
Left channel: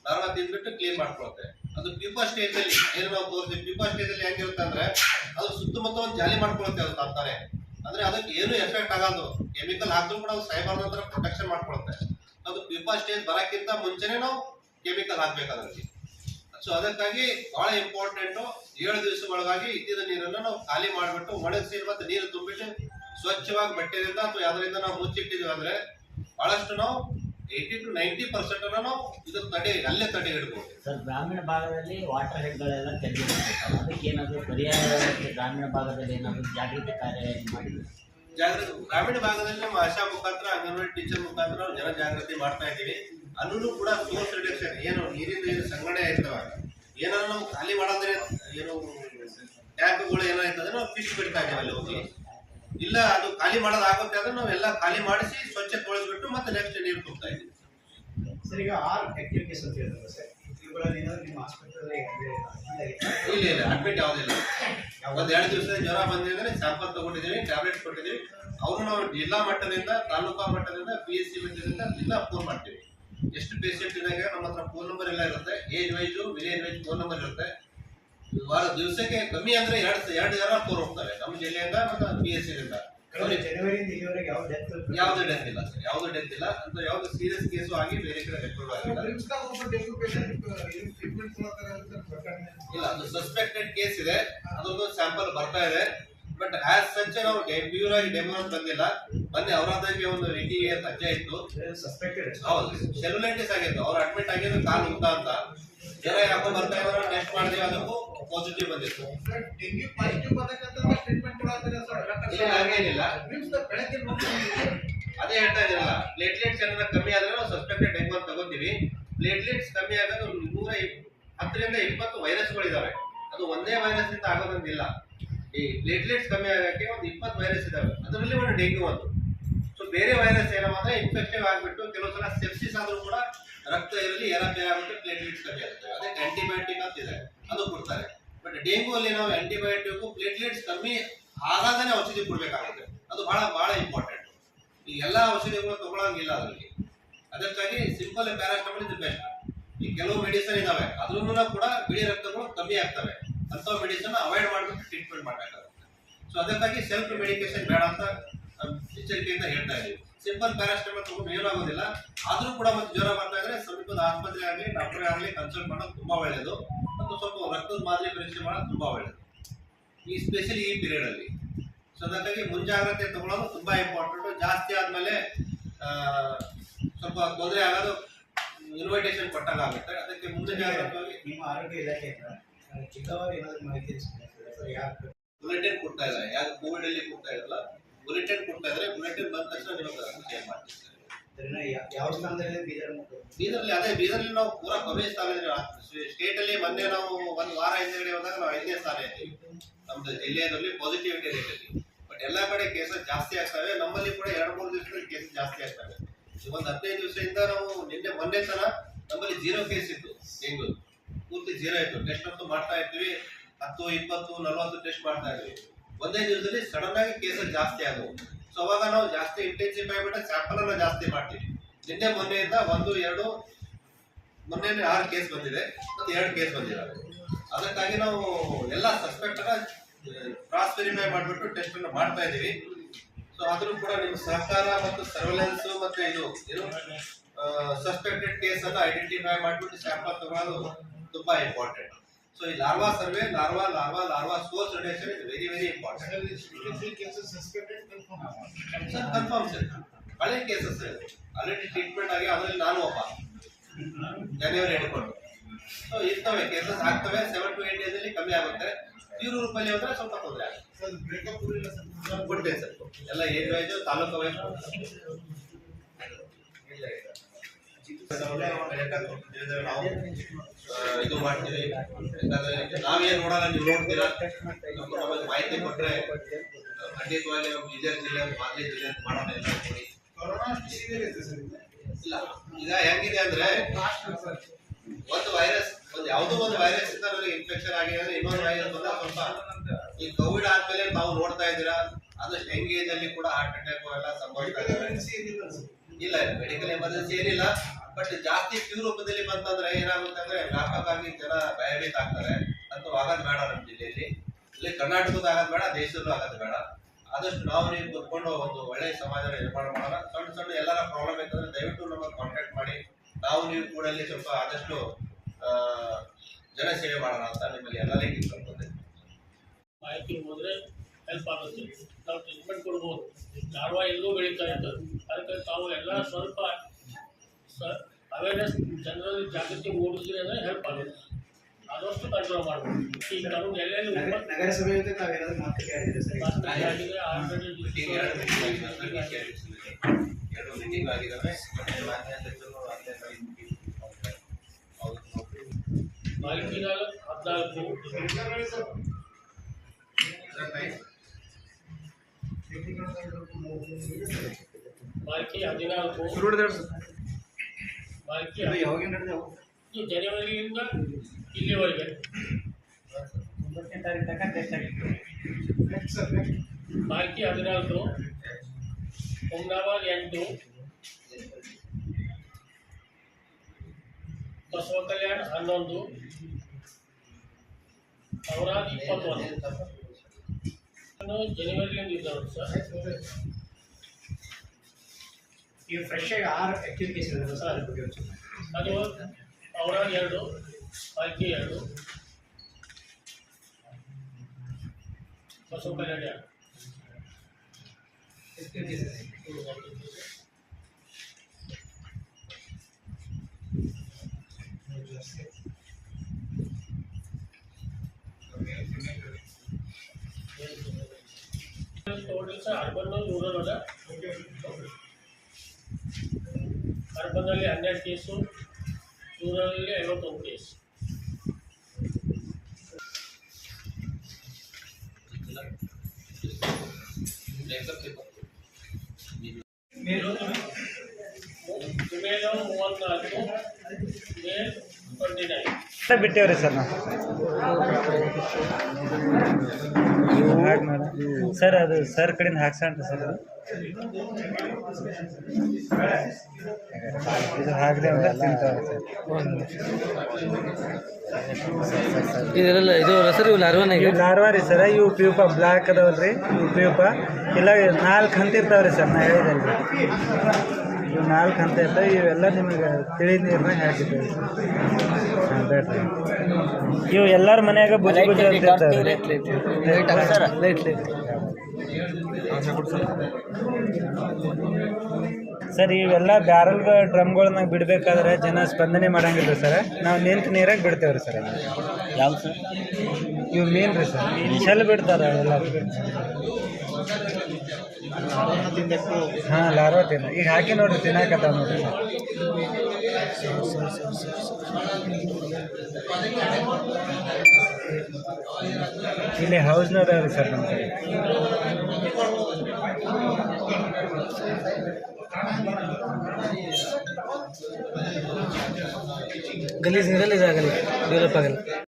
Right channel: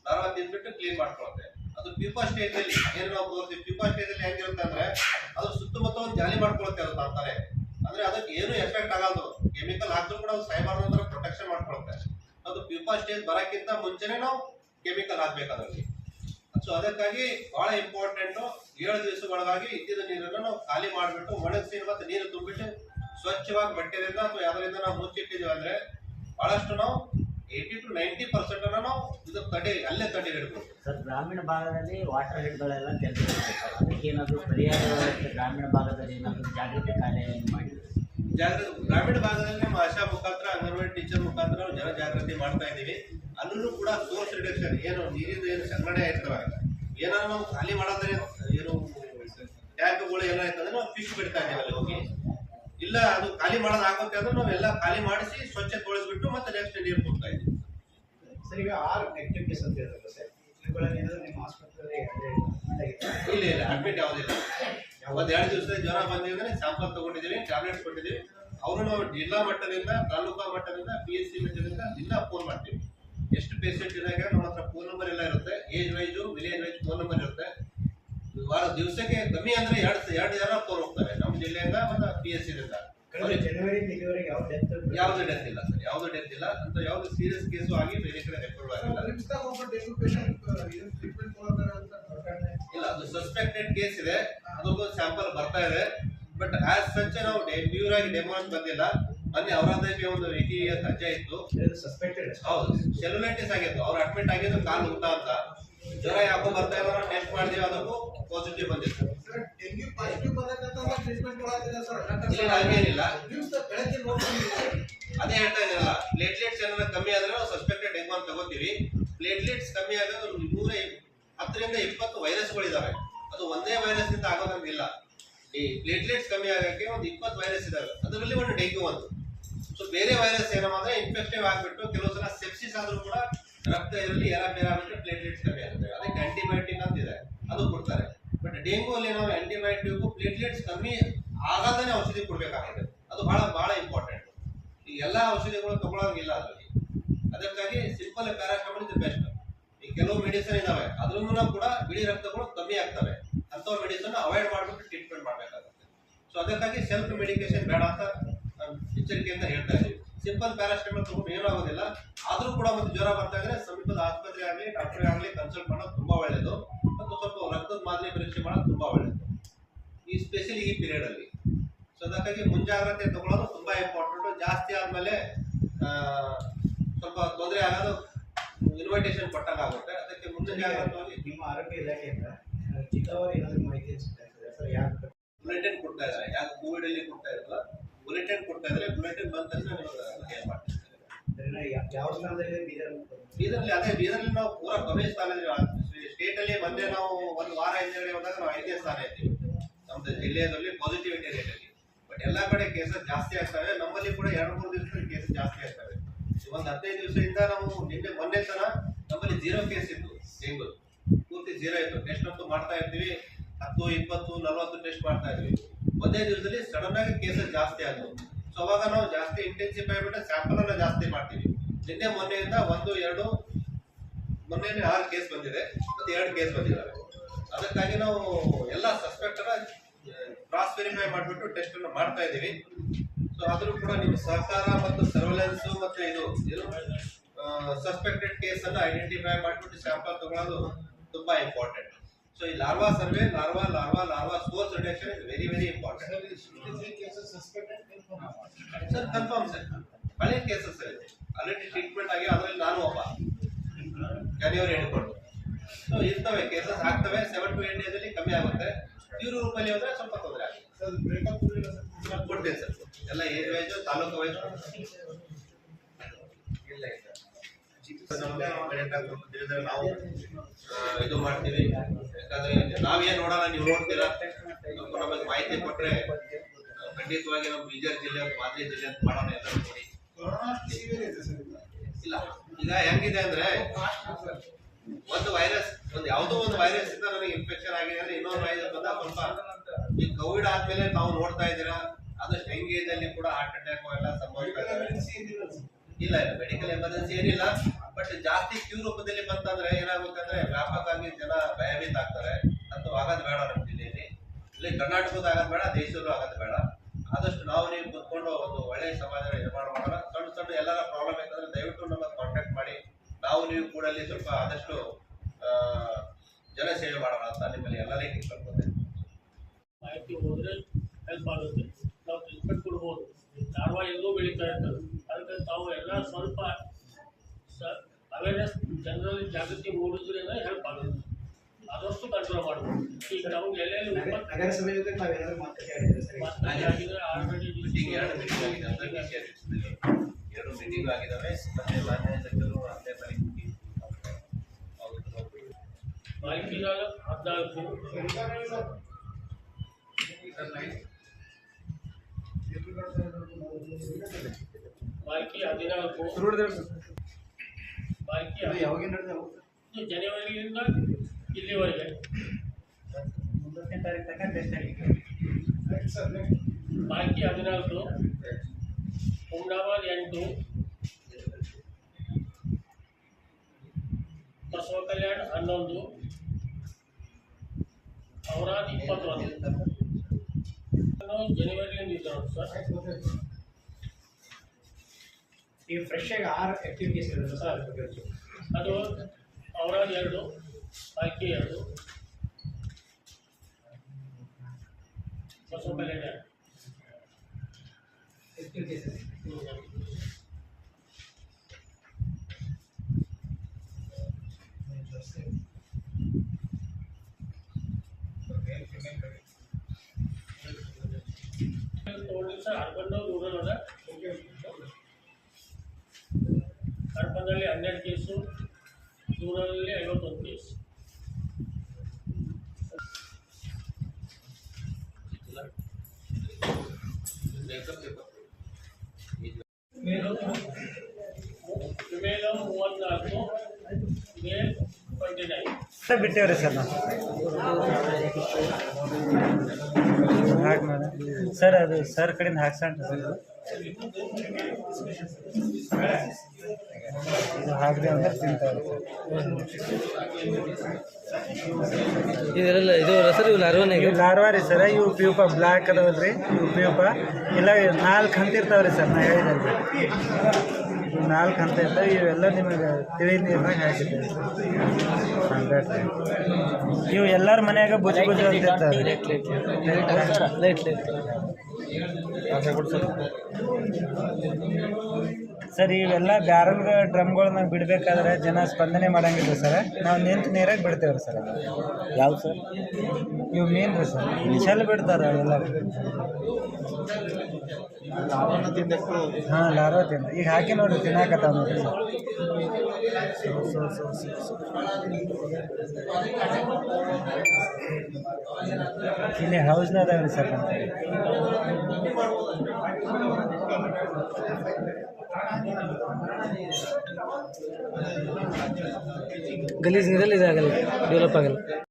ಲಾರ್ವಾ ತಿಂದ್ಬಿಟ್ಟು ಕ್ಲೀನ್ ಮಾಡ್ಕೊಳುತ್ತೆ. ಅದು ಪ್ಯೂಪಾ ಸ್ಟೇಜ್ ಅಲ್ಲಿ ಏನು ನಾವು ತೋರಿಸ್ತೀವಿ. ಪ್ಯೂಪಾ ಸ್ಟೇಜ್ ಅಲ್ಲಿ ಹೆಂಗಿರುತ್ತೆ ಅಂದ್ರೆ ಅದು ಸುತ್ತಮುತ್ತ ಒಂದು ಜಾಲಿ ಮಾಡ್ಕೊಳುತ್ತೆ. ಅದು ತಾನೆ ಅಂದ್ರೆ ಅದಕ್ಕೆ ಏನು ಎಫೆಕ್ಟ್ ಆಗಲ್ಲ. ಕೆಮಿಕಲ್ ಹಾಕಿದ್ರು ಕೂಡ ಅದು ಸೈಬರ್ ನಂತರ ಪ್ರೊಟೆಕ್ಷನ್ ಮಾಡ್ಕೊಳುತ್ತೆ. ಅದು ಪ್ಯೂಪಾ ಸ್ಟೇಜ್ ಬರೋಕ್ಕಿಂತ ಮುಂಚೆನೆ ನಾವು ಕೆಮಿಕಲ್ ಹಾಕ್ಬೇಕು ಅದರಲ್ಲಿ. ಸೊ ಅದಕ್ಕಾಗಿ ಬಹಳ ಇಂಪಾರ್ಟೆಂಟು 7 ದಿವಸ ಒಳಗಾಗಿ ಇದ್ದಿದ್ದ ನೀರನ್ನು ನಾವು ಖಾಲಿ ಮಾಡಿಬಿಟ್ಟು ಒಣಗಿಸಿ ಮತ್ತೆ ನೀರು ತುಂಬಿಟ್ಟು ಸ್ವಚ್ಛವಾಗಿ ಬಟ್ಟೆಯಿಂದ ಅಥವಾ ಯಾವ್ದರಿಂದ ನಾವು ಮುಚ್ಚಿಟ್ಟಿದ್ದೀವಿ ಅಂದ್ರೆ ಬಹಳಷ್ಟು ನಾವು 80 to 90% ನಾವು ಇದು ಅಲ್ಲೇ ತಡೆಗಿಡ್ಬೋದು. ಸರ್, ಗ್ರಾಮೀಣ ಭಾಗದಲ್ಲಿ ವಾಟರ್ ಹೆಡ್ಗಳೆಲ್ಲ ತೆರೆದಿರುತ್ತೆ ಸರ್, ಅದಕ್ಕೆ ಏನಾದರೂ ಪರಿಹಾರ ವ್ಯವಸ್ಥೆ ಗ್ರಾಮೀಣ ಭಾಗದಲ್ಲಿ ಏನಾದರೂ ಜಾಗೃತಿ ಕಾರ್ಯ ಮಾಡಿದ್ರು? ಗ್ರಾಮೀಣ ಭಾಗದಲ್ಲಿ ನಮ್ಮ ಆಶಾ ಮುಖಾಂತರ ಅಂಗನವಾಡಿ ಟೀಚರ್ ಮುಖಾಂತರ ನಾವು ಜನ ಜಾಗೃತಿ ಮಾಡ್ತಾ ಇದ್ದೀವಿ. ಅಲ್ಲೂ ಕೂಡ ಸೋರ್ಸ್ ರಿಡಕ್ಷನ್ ಏನು ನೀರಿಂದ ಏನು ಸಂಗ್ರಹಣೆ ಇರ್ತವೆ ಏನಾದ್ರು ನಾವು ಖಾಲಿ ಮಾಡೋದ್ರೆ ಏನು ಟ್ಯಾಂಕ್ಗಳು ಏನಾಯ್ತಂದ್ರೆ ನಾವು ಫಿಶ್ ಬಿಡ್ತಾ ಇದ್ದೀವಿ ಅಲ್ಲಿ ಹೋಗಿ. ಇಲ್ಲ ಅದು ಖಾಲಿ ಮಾಡೋದಾಗುತ್ತೆ ಅಂದ್ರೆ ನಾವೆಲ್ಲ ಖಾಲಿ ಮಾಡಿಸಿ ಸ್ವಚ್ಛ ತೊಳೆದ್ಬಿಟ್ಟು ಮತ್ತೆ ನೆಕ್ಸ್ಟ್ ನೀರು ತುಂಬ್ತಾ ಇದ್ದೀವಿ. ಸರ್, ಈಗ 6 ಆಕ್ಟಿವ್ ಕೇಸ್ ಅಂತ ಹೇಳ್ತಾರೆ ಸರ್, ಇವುಗಳಲ್ಲಿ ಏನಾದ್ರು ನಿಮ್ಮ ಆಸ್ಪತ್ರೆಯಲ್ಲಿ ಇಲ್ಲ ಅಡ್ಮಿಟ್ ಯಾವುದಿಲ್ಲ. ಒಂದು 2 ದಿವಸದ ಜ್ವರ ಬಂದಿದ್ರೆ ಸ್ಯಾಂಪಲ್ ತಗೊಂಡಿದ್ದೀವಿ, ಟ್ಯಾಬ್ಲೆಟ್ಸ್ ಕೊಟ್ಟಿದ್ದೀವಿ. ಅವರು ನಾವು ಜಿಲ್ಲಾ ಮಟ್ಟದಿಂದ ತಾಲೂಕಾ ಮಟ್ಟದಿಂದ PSC ಮಟ್ಟದಿಂದ ಎಲ್ಲ ಫೋನ್ ಮಾಡ್ತೀವಿ. ಎಷ್ಟು ಪೇಷಂಟ್ ಇದ್ದಾಗ ನಮ್ಮ ಹತ್ರ ಫೋನ್ ನಂಬರ್ ಎಲ್ಲ ಇರುತ್ತೆ, age wise village wise phone number ಇರುತ್ತೆ. ದಿವಸಕ್ಕೆ ಕಮ್ಮಿ ಅಂದ್ರೆ 2 ಜನ ಫೋನ್ ಹೋಗ್ತವೆ ನಮ್ಮ ಜಿಲ್ಲೆಯಿಂದ ಮತ್ತು PSC ದಿಂದ. ಜನವರಿಯಿಂದ ಇಲ್ಲಿವರೆಗೆ ಯಾವುದೇ ಡೆತ್ ಇಲ್ಲ ಸರ್, ಯಾವುದೇ ಡೆತ್ ಇಲ್ಲ ಅಂತ, ಯಾವ್ದು ಸೀರಿಯಸ್ ಕೇಸು ಆಗಿ ಬೇರೆ ಕಡೆ ರೆಕಾರ್ಡ್ ಆಗಿಲ್ಲ. ಇಲ್ಲ, ಅದು ಸಸ್ಪೆಕ್ಟೆಡ್ ಕೇಸ್ ಇದೆ, ಅದೊಂದು ಸ್ಯಾಂಪಲ್ ಬರ್ತಾ ಇದೆ. ಬಟ್ ಆಸ್ ಸಚ್ ನಾವು ಪ್ಯೂರ್ ಆಗಿ ಡೆಮೋ ಅಂತ ಬಂದಿಲ್ಲ. ಮೊನ್ನೆ ಅವರಾದಾಗೆ ಒಂದು 80 ಅಜ್ಜ ಇತ್ತು, ಸಸ್ಪೆಕ್ಟೆಡ್. ಹೌದು ಸೆಲ್ಯುಲೈಟಿಸ್ ಆಗಿತ್ತು. ಅವ್ರು ಅಡ್ಮಿಟ್ ಆಗಿದ್ದು ಕಾಲು ಊತ ಅಂತ, ಜ್ವರ ಯಾಕೋ ಬರ್ತಾ ಇದ್ರು, ಟೆಸ್ಟ್ ಮಾಡಿದ್ವಿ, ಅದಕ್ಕೂ ಪಾಸಿಟಿವ್ ಬಂದಿತ್ತು. ಇಲ್ಲಿ ಹಾಗೇನಿಲ್ಲ, ಅದೇ ಹೇಳ್ತಾ ಇದ್ರಲ್ಲ, ಪ್ಲೇಟ್ಲೆಟ್ಸ್ ಏನಾದ್ರು ಕಮ್ಮಿ ಆದ್ರೆ ನಾವು ಸಸ್ಪೆಕ್ಟೆಡ್ ಡೆಂಗು ಅಂತ ತಗೋತೀವಿ. ಪ್ಲೇಟ್ಲೆಟ್ಸ್ ಕಮ್ಮಿ ಆಗೋದು 110 ರಿಂದ 20 ವೈರಸ್ಗಳಿದಾವೆ. ಅದು ಒಂದೇ ವೈರಸ್ ಇಂದ ಆಗೋದಂಗಿಲ್ಲ. ಈ ಪ್ಲೇಟ್ಲೆಟ್ಸ್ ಕಮ್ಮಿ ಆಗಕ್ಕೆ ಒಂದು 20 ವೈರಸ್ ಇದಾವೆ, ಅದರಲ್ಲಿ ಒಂದು ಡೆಂಗ್ಯೂ ಒಂದು. ಸೊ ಬೇರೆ ವೈರಸ್ ಏನಂದ್ರೆ ಇನ್ಫೆಕ್ಟಿವ್ ಆಗಿಬಿಟ್ಟು ಕೆಲವು ಸಲ ಸೆಪ್ಸಿಸ್ ಆದ್ರೂ ಕೂಡ ರಕ್ತ ಇರಲಿ ಏರಾಪೇರ್ ಆಗ್ಬಿಟ್ಟು ಪ್ಲೇಟ್ಲೆಟ್ಸ್ ಕಮ್ಮಿ ಆಗುತ್ತೆ. ಅದಕ್ಕೆ ಆಂಟಿಬಯೋಟಿಕ್ ಅಂತ ಇದೆ, ಅದು ಕೊಡ್ತಾರೆ. ಬಟ್ ಡೆಂಗು ಅಲ್ಲಿ ನಾವು ಆಂಟಿಬಯೋಟಿಕ್ ಪ್ಲೇಟ್ಲೆಟ್ಸ್ ಕಮ್ಮಿ ಆಗಾದನೆ ಔಷಧಿ ಕೊಡ್ಬೇಕಾಗುತ್ತೆ. ಅದು ಬಹಳ ಇಂಪಾರ್ಟೆಂಟ್. ಈ ಎಲ್ಲಾ ಔಷಧಿಗಳು ತಗೊಳ್ಳೋಂಗಿಲ್ಲ ಅದರಲ್ಲಿ. ಅದಕ್ಕಾಗಿ ಸಿಂಪಲ್ ಪ್ಯಾರಾಸ್ಟಮಾಲ್ ಇಸ್ ಬೆಸ್ಟ್. ಈ ಕೆಲವು ಮೆಡಿಸಿನ್ ಇದಾವೆ, ಅದ್ರೂ ಕೂಡ ಬಿಳಿ ರಕ್ತಗಳು ಕಮ್ಮಿ ಆಗ್ತವೆ. ಅಂತ ಮೆಡಿಸಿನ್ ಅವಾಯ್ಡ್ ಮಾಡಿಬಿಟ್ಟು ಟ್ರೀಟ್ಮೆಂಟ್ ಮಾಡಬೇಕಾಗುತ್ತೆ. ಸೊ ಅದಕ್ಕಾಗಿ ಸೆಲ್ಫ್ ಮೆಡಿಕೇಶನ್ ಬೇಡ ಅಂತ ಎಚ್ಚರಿಕೆಯಿಂದ ಹೇಳ್ತಾ ಇದ್ದೀವಿ. ಸಿಂಪಲ್ ಪ್ಯಾರಾಸ್ಟಮಾಲ್ ತಗೊಂಡು ಏನೂ ಆಗೋದಿಲ್ಲ. ಆದ್ರೂ ಕೂಡ ಮತ್ತೆ ಜ್ವರ ಬರ್ತಾ ಇದ್ರೆ ಸಮೀಪದ ಆಸ್ಪತ್ರೆ ಆಗಲಿ ಡಾಕ್ಟರ್ ಆಗಲಿ ಕನ್ಸಲ್ಟ್ ಮಾಡೋದು ತುಂಬಾ ಒಳ್ಳೆಯದು. ಮತ್ತು ಸ್ವಲ್ಪ ರಕ್ತದ ಮಾದರಿ ಪರೀಕ್ಷೆ ಮಾಡೋದು ತುಂಬಾ ಒಳ್ಳೆಯದು, ಈ ಸ್ಪೆಷಲಿ ಈ ಪೀರಿಯಡ್ ಅಲ್ಲಿ. ಸೊ ಅದಕ್ಕಾಗಿ ಮುಂಜಾಗ್ರತೆ ತಗೊಳ್ಳೋದು ತುಂಬಾ ಇಂಪಾರ್ಟೆಂಟ್. ಜಾಸ್ತಿ ಆದ್ಮೇಲೆ ಸ್ವಲ್ಪ ತೊಂದರೆ ಆಗೋದು ಇನ್ವಿಟೇಷನ್ ಕೊಟ್ಟಾಗ ಆಗುತ್ತೆ. ಅದಕ್ಕೆ ಮುಂಜಾಗ್ರತವಾಗಿ ನಿಮ್ಮ ಆರೋಗ್ಯ ಇಲಾಖೆಯಿಂದ ಚಿಕ್ಕವರು ಏನಾದರೂ ಮಾಹಿತಿ ಸರ್, ಯಾಕೆ ಬುಲೆಟಿನ್ ಕೊಡ್ತಾ ಇದ್ದಾರೆ, ಯಾಕೆ ಕೋವಿಡ್ ಅಲ್ಲಿ ಕೊಡ್ತಾ ಇರಲ್ಲ, ಬುಲೆಟಿನ್ ಕೊಡ್ತಾ ಇದ್ರೆ ಬುಲೆಟಿನ್ ಬಂದ ತಕ್ಷಣ ನಿಮಗೆ ಶೇರ್ ಮಾಡ್ತಿರ್ತಾರೆ. ಯಾವ ಸ್ಥಾನದಲ್ಲಿ ಬೀದರ್ಲಿ ಅದೇ ಬೀದರ್ಲಿ ನಾವು ಪೂರಾ ಕಮ್ಮಿ ಸ್ಥಾನ ಇದ್ದೀವಿ. ಸ್ಟೇಟ್ ಅಲ್ಲಿ ಮೊನ್ನೆ ನಾವು ಒಂದು ವಾರ ಹಿಂದೆಗಡೆ ಹೋದಾಗ ನಾವು 5ನೇ ಸ್ಥಾನ ಇದ್ದೀವಿ ನಮ್ದು ಜಿಲ್ಲೆಯಲ್ಲಿ ಪಾಸಿಟಿವಿಟಿ ರೇಟ್ ಅಲ್ಲಿ. ಬಟ್ ಎಲ್ಲಾ ಕಡೆ ಕೇಸಸ್ ಜಾಸ್ತಿ ಆಗ್ತವೆ. ನಮ್ಮಲ್ಲಿ ಕೂಡ 2-3 ದಿವಸದಲ್ಲಿ ಕೇಸಸ್ ಜಾಸ್ತಿ ಆಗ್ತವೆ. ಒಂದು 15 ದಿವಸದಿಂದ ನಾವು ಮೊನ್ನೆ ತನ ನಮ್ಮಲ್ಲಿ 0 ಕೇಸ್ ಇತ್ತು, ಡೆಂಗು ಪೂರ್ತಿ 0 ಇತ್ತು. ಟೆಸ್ಟ್ ಅಂತೂ ಮಾಡ್ತಾ ಇರ್ತೀವಿ, 10, 20, 40 ಟೆಸ್ಟ್ ಮಾಡ್ತಾ ಇದ್ವಿ. ಒಂದೇ ದಿವಸದಲ್ಲಿ ಸಡನ್ ಆಗಿ ಕೇಸಸ್ ಜಾಸ್ತಿ ಆದವು. ಸೊ ಅವಾಗ ನಾವು ಜಾಸ್ತಿ ಇಂಟೆನ್ಸಿಫೈ ಬಿಟ್ಟು ಸ್ಯಾಂಪಲ್ ಅನ್ನ ಜಾಸ್ತಿ ಮಾಡ್ತೀವಿ. ಮೊನ್ನೆಯಿಂದ 1-2 ಮೊನ್ನೆ 6 ಕೇಸ್ ಬಂದಿದೆ ಮತ್ತು 2 ಕೇಸ್ ಬಂದಿದ್ದಾವೆ. ಅದಕ್ಕಾಗಿ ನಾವು ಎಲ್ಲ ಸಸ್ಪೆಕ್ಟ್ ಕ್ರಾಸ್ ವೆರಿಫೈ ಮಾಡಿಬಿಟ್ಟು ಟೆಸ್ಟ್ ಅನ್ನು ಮಾಡ್ತಾ ಇದ್ದೀವಿ. ಸೊ ಆದ್ರೂ ಕೂಡ ನಿಮ್ಮ ಸಹಕಾರ ಮತ್ತು ಸರ್ವೆಲೆನ್ಸ್ ಮತ್ತೆ ಇದು ಸಸ್ಪೆಕ್ಟೆಡ್ ಕೇಸ್ ಅನ್ನು ಐಡೆಂಟಿಫೈ ಮಾಡಿಬಿಟ್ಟು ಸ್ಯಾಂಪಲ್ ತಗೊಳ್ಳೋದು ತುಂಬಾ ಇಂಪಾರ್ಟೆಂಟ್. ಸೊ ಈ larva survey, larva source reduction is very important. Sir confirm sir, ಹಳೆ ಕೇಸಸ್ ಆಲ್ರೆಡಿ ಟ್ರೀಟ್ಮೆಂಟ್ ಆಗಿ ಅದರಲ್ಲಿ ನಾನು ಒಬ್ಬ ಜನವರಿ ಹಿಡ್ಕೊಂಡು. ಸೊ ಇಂಥವೆ ಕೇಸಸ್ ಆಗ್ತವೆ. 7 to 8 ಡೇಸ್ ಅಲ್ಲಿ ಕಮ್ಮಿ ಆಗುತ್ತೆ. ತೀವ್ರ ರೂಪದಲ್ಲಿ ಹೋದ್ರೆ ಸ್ವಲ್ಪ ತೊಂದರೆ ಆಗುತ್ತೆ. ಕೊಡ್ತೇನೆ ಸರ್, ಎಲ್ಲ ಏಜ್ ವೈಸ್ ತಾಲೂಕು ವೈಸ್ ನಾವು ಇದು ಮಾಡ್ತೀವಿ. ಯಾಕಂದ್ರೆ ನಾವೇನ್ ನೋಡಲ್ಲ, ನೀವು ನೋಡ್ತೀರಾ. ನಮಗೆ ಮಾಹಿತಿ ಕೊಟ್ರೆ ಖಂಡಿತವಾಗಿ ನಮ್ಮ ವಿಜಯ ಜಿಲ್ಲೆ ಮಾದರಿ ಜಿಲ್ಲೆ ಅಂತ ಮಾಡೋಣ ಎಲ್ಲ ನೋಡಿ. ಇಲ್ಲ, ಈಗ ಹೆಂಗಿದೆ ಅಂದ್ರೆ ಒಂದು ವೈರಸ್ ಯಾವುದೋ ಒಂದು ವೈರಸ್ ಇಂದ ನನಗೆ ಇನ್ಫೆಕ್ಷನ್ ಆಗಿದೆ ಅಂದ್ರೆ ಇನ್ನೊಂದು ವೈರಸ್ ಬಂದ ಸ್ವಲ್ಪ ಈ ಕೋವಿಡ್ ಆದ್ಮೇಲೆ ನಾವು ನೋಡ್ತಾ ಇದ್ದೀರಾ, ಆದಷ್ಟು ಯಂಗ್ ಏಜ್ ಅಲ್ಲಿ ಕೂಡ ಹಾರ್ಟ್ ಅಟ್ಯಾಕ್ ಎಲ್ಲ ಸಂಭವಿಸ್ತಾ ಇದ್ದಾವೆ. ಇಲ್ಲ ಮೆಡಿಕಲ್ ಎಮರ್ಜೆನ್ಸಿ ಏನಿಲ್ಲ. ಬಟ್ ಜಾಸ್ತಿ ಕ್ಯೂ ರೂಪದಲ್ಲಿ ಬಂತಂದ್ರೆ ಏನಾಗುತ್ತೆ ಅಂದ್ರೆ ವ್ಯಾಪಕವಾಗಿ ಜನ ಭಯಭೀತ ಆಗ್ತಾರೆ. ಅಂತೂ ಆಗೋದು ಬೇಡ ನಮ್ಮ ಜಿಲ್ಲೆಯಲ್ಲಿ. ಇಲ್ಲಿ ಕರ್ನಾಟಕದ ಆಗೋದು ಬೇಡ, ದೇಶದಲ್ಲೂ ಆಗೋದು ಬೇಡ. ಆದಷ್ಟು ನಾವು ನೀವು ಕೂತ್ಕೊಂಡು ಒಂದು ಒಳ್ಳೆಯ ಸಮಾಜ ನಿರ್ಮಾಣ ಮಾಡೋಣ. ಸಣ್ಣ ಎಲ್ಲರ ಪ್ರಾಬ್ಲಮ್ ಐತಂದ್ರೆ ದಯವಿಟ್ಟು ನಮಗೆ ಕಾಂಟ್ಯಾಕ್ಟ್ ಮಾಡಿ. ನಾವು ನೀವು ಕೂಡ ಅಲ್ಲಿ ಸ್ವಲ್ಪ ಆದಷ್ಟು ಜನ ಸೇವೆ ಮಾಡೋಣ ಅಂತ ನಿಮ್ಮಲ್ಲಿ ಎಲ್ಲರಿಗೆ ಕರ್ಕೊಂಡೆ. ಮಾಹಿತಿ ಹೋದರೆ ಹೆಲ್ಪ್ ಆಗುತ್ತೆ. ನಾವು ಟ್ರೀಟ್ಮೆಂಟ್ ಕೊಡ್ಬೋದು. ಲಾರ್ವಾ ಎಲ್ಲೂ ಬೆಳೀತಾ ಇರ್ತದೆ. ಅದಕ್ಕೆ ತಾವು ಎಲ್ಲ ಸ್ವಲ್ಪ ಅವೇರ್ನೆಸ್ ಜನರಲ್ಲಿ ಜಾಗೃತಿ ಮೂಡಿಸಿದ್ರೆ ಅಂದರೆ ಹೆಲ್ಪ್ ಆಗುತ್ತೆ. ಆದಷ್ಟು ಕಂಟ್ರೋಲ್ ಮಾಡ್ಬೋದು. ಈಗ ನಮ್ಗೆ ಎಲ್ಲೆಲ್ಲಿ ನಗರಸಭೆ ಜೊತೆ ತಾವೇನಾದ್ರೂ ಮಾತುಕತೆ ಆಗಿದೆ ಸರ್? ಮಾತುಕತೆ ಆಗಿದೆ ಆಲ್ರೆಡಿ. ಎರಡು ಮೀಟಿಂಗ್ ಆಗಿದ್ದಾವೆ. ಮತ್ತೆ ಮಾನ್ಯ ಸಚಿವರು ಅಲ್ಲೇ ಮಾಹಿತಿ 14 ಮಾಹಿತಿ 14 ಮಾಹಿತಿ ಯಾವಾಗ ನಡೆದವು? ಜನವರಿಯಿಂದ ಇಲ್ಲಿವರೆಗೆ ಒಂಬತ್ತನೇ ತಾರೀಕು ತನಕ ಟೆಸ್ಟ್ ಆಗಿತ್ತು. ಮಾಹಿತಿ 14, ಹುಮ್ನಾಬಾದ್ 8, ಬಸವ ಕಲ್ಯಾಣ 11, ಔರಾದ್ 21 ಜನವರಿಯಿಂದ ಇದ್ದಾವೆ ಸರ್. ಈಗ ಫ್ರೆಶ್ ಆಗಿ 6 ಆಕ್ಟಿವ್ ಕೇಸ್ ಇದೆ ಸರ್, ಅದ್ರ ಬಗ್ಗೆ ಒಂಚೂರು. ಅದು ಔರಾದ್ 2, ಮಾಹಿತಿ 2, ಬಸವ ಕಲ್ಯಾಣ 2. ಆಕ್ಟಿವ್ ಕೇಸ್ ಇದೆ. ಟೋಟಲ್ ಸರ್ ಅರ್ಬನ್ ರೂರಲ್ ಅದ. ಅರ್ಬನ್ನಲ್ಲಿ 12 ಕೇಸು, ರೂರಲಲ್ಲಿ 51 ಕೇಸ್. ಫಿಮೇಲ್ 34, ಮೇಲ್ 29. ಬಿಟ್ಟೇವ್ರಿ ಸರ್ ನಾವು ಹಾಗೆ ಮೇಡಮ್ ಸರ್, ಅದು ಸರ್ ಕಡೆಯಿಂದ ಹಾಕ್ಸೋಣ ಸರ್. ಇದು ಹಾಕಿದೆ ಅಂದ್ರೆ ತಿಂತಾವೆ ಸರ್. ಇದೆಲ್ಲ ಇದು ಸರ್ ಇವು ಲಾರ್ವಾನಿಗೆ ಲಾರ್ವಾ ರೀ ಸರ್. ಇವು ಪ್ಯೂಪ ಬ್ಲ್ಯಾಕ್ ಅದಾವಲ್ರಿ, ಇವು ಪ್ಯೂಪ ಇಲ್ಲ 4 ಹಂತ ಇರ್ತಾವ್ರಿ ಸರ್. ನಾ ಹೇಳಿದಲ್ರಿ ಇವು 4 ಹಂತ ಇರ್ತಾವೆ. ಇವೆಲ್ಲ ನಿಮಗೆ ತಿಳಿ ನೀರ್ನಾಗ ಹಾಕಿದ್ದೇವೆ ಸರ್. ಹಾಂ ಬೇಡ್ರಿ. ಇವು ಎಲ್ಲರ ಮನ್ಯಾಗ ಬುಜಿ ಬುಜಿ ಅಂತ ಇರ್ತಾವೆ. ಲೈಟ್ ಸರ್, ಇವೆಲ್ಲ ಬ್ಯಾರಲ್ ಡ್ರಮ್ಗಳನ್ನಾಗ ಬಿಡಬೇಕಾದ್ರೆ ಜನ ಸ್ಪಂದನೆ ಮಾಡಂಗಿಲ್ಲ ಸರ್. ನಾವು ನಿಂತು ನೀರಾಗ ಬಿಡ್ತೇವೆ ರೀ ಸರ್. ಯಾವ್ದು ಸರ್? ಇವು ಮೀನು ರೀ ಸರ್. ಇನ್ಶಲ್ ಬಿಡ್ತಾರೆ ಎಲ್ಲ. ಹಾಂ, ಲಾರ್ವಾ ತಿನ್ನ ಈಗ ಹಾಕಿ ನೋಡ್ರಿ, ತಿನ್ನಾಕತ್ತಾವ ನೋಡ್ರಿ ಸರ್. ಇಲ್ಲಿ ಹೌಸ್ನ ಅದಾವ್ರಿ ಸರ್ ನಮ್ಮ ಕಡೆ. ಗಲೀಜ್ ನೀರಲ್ಲಿ ಇದಾಗಲ್ಲ, ಡೆವಲಪ್ ಆಗಲ್ಲ.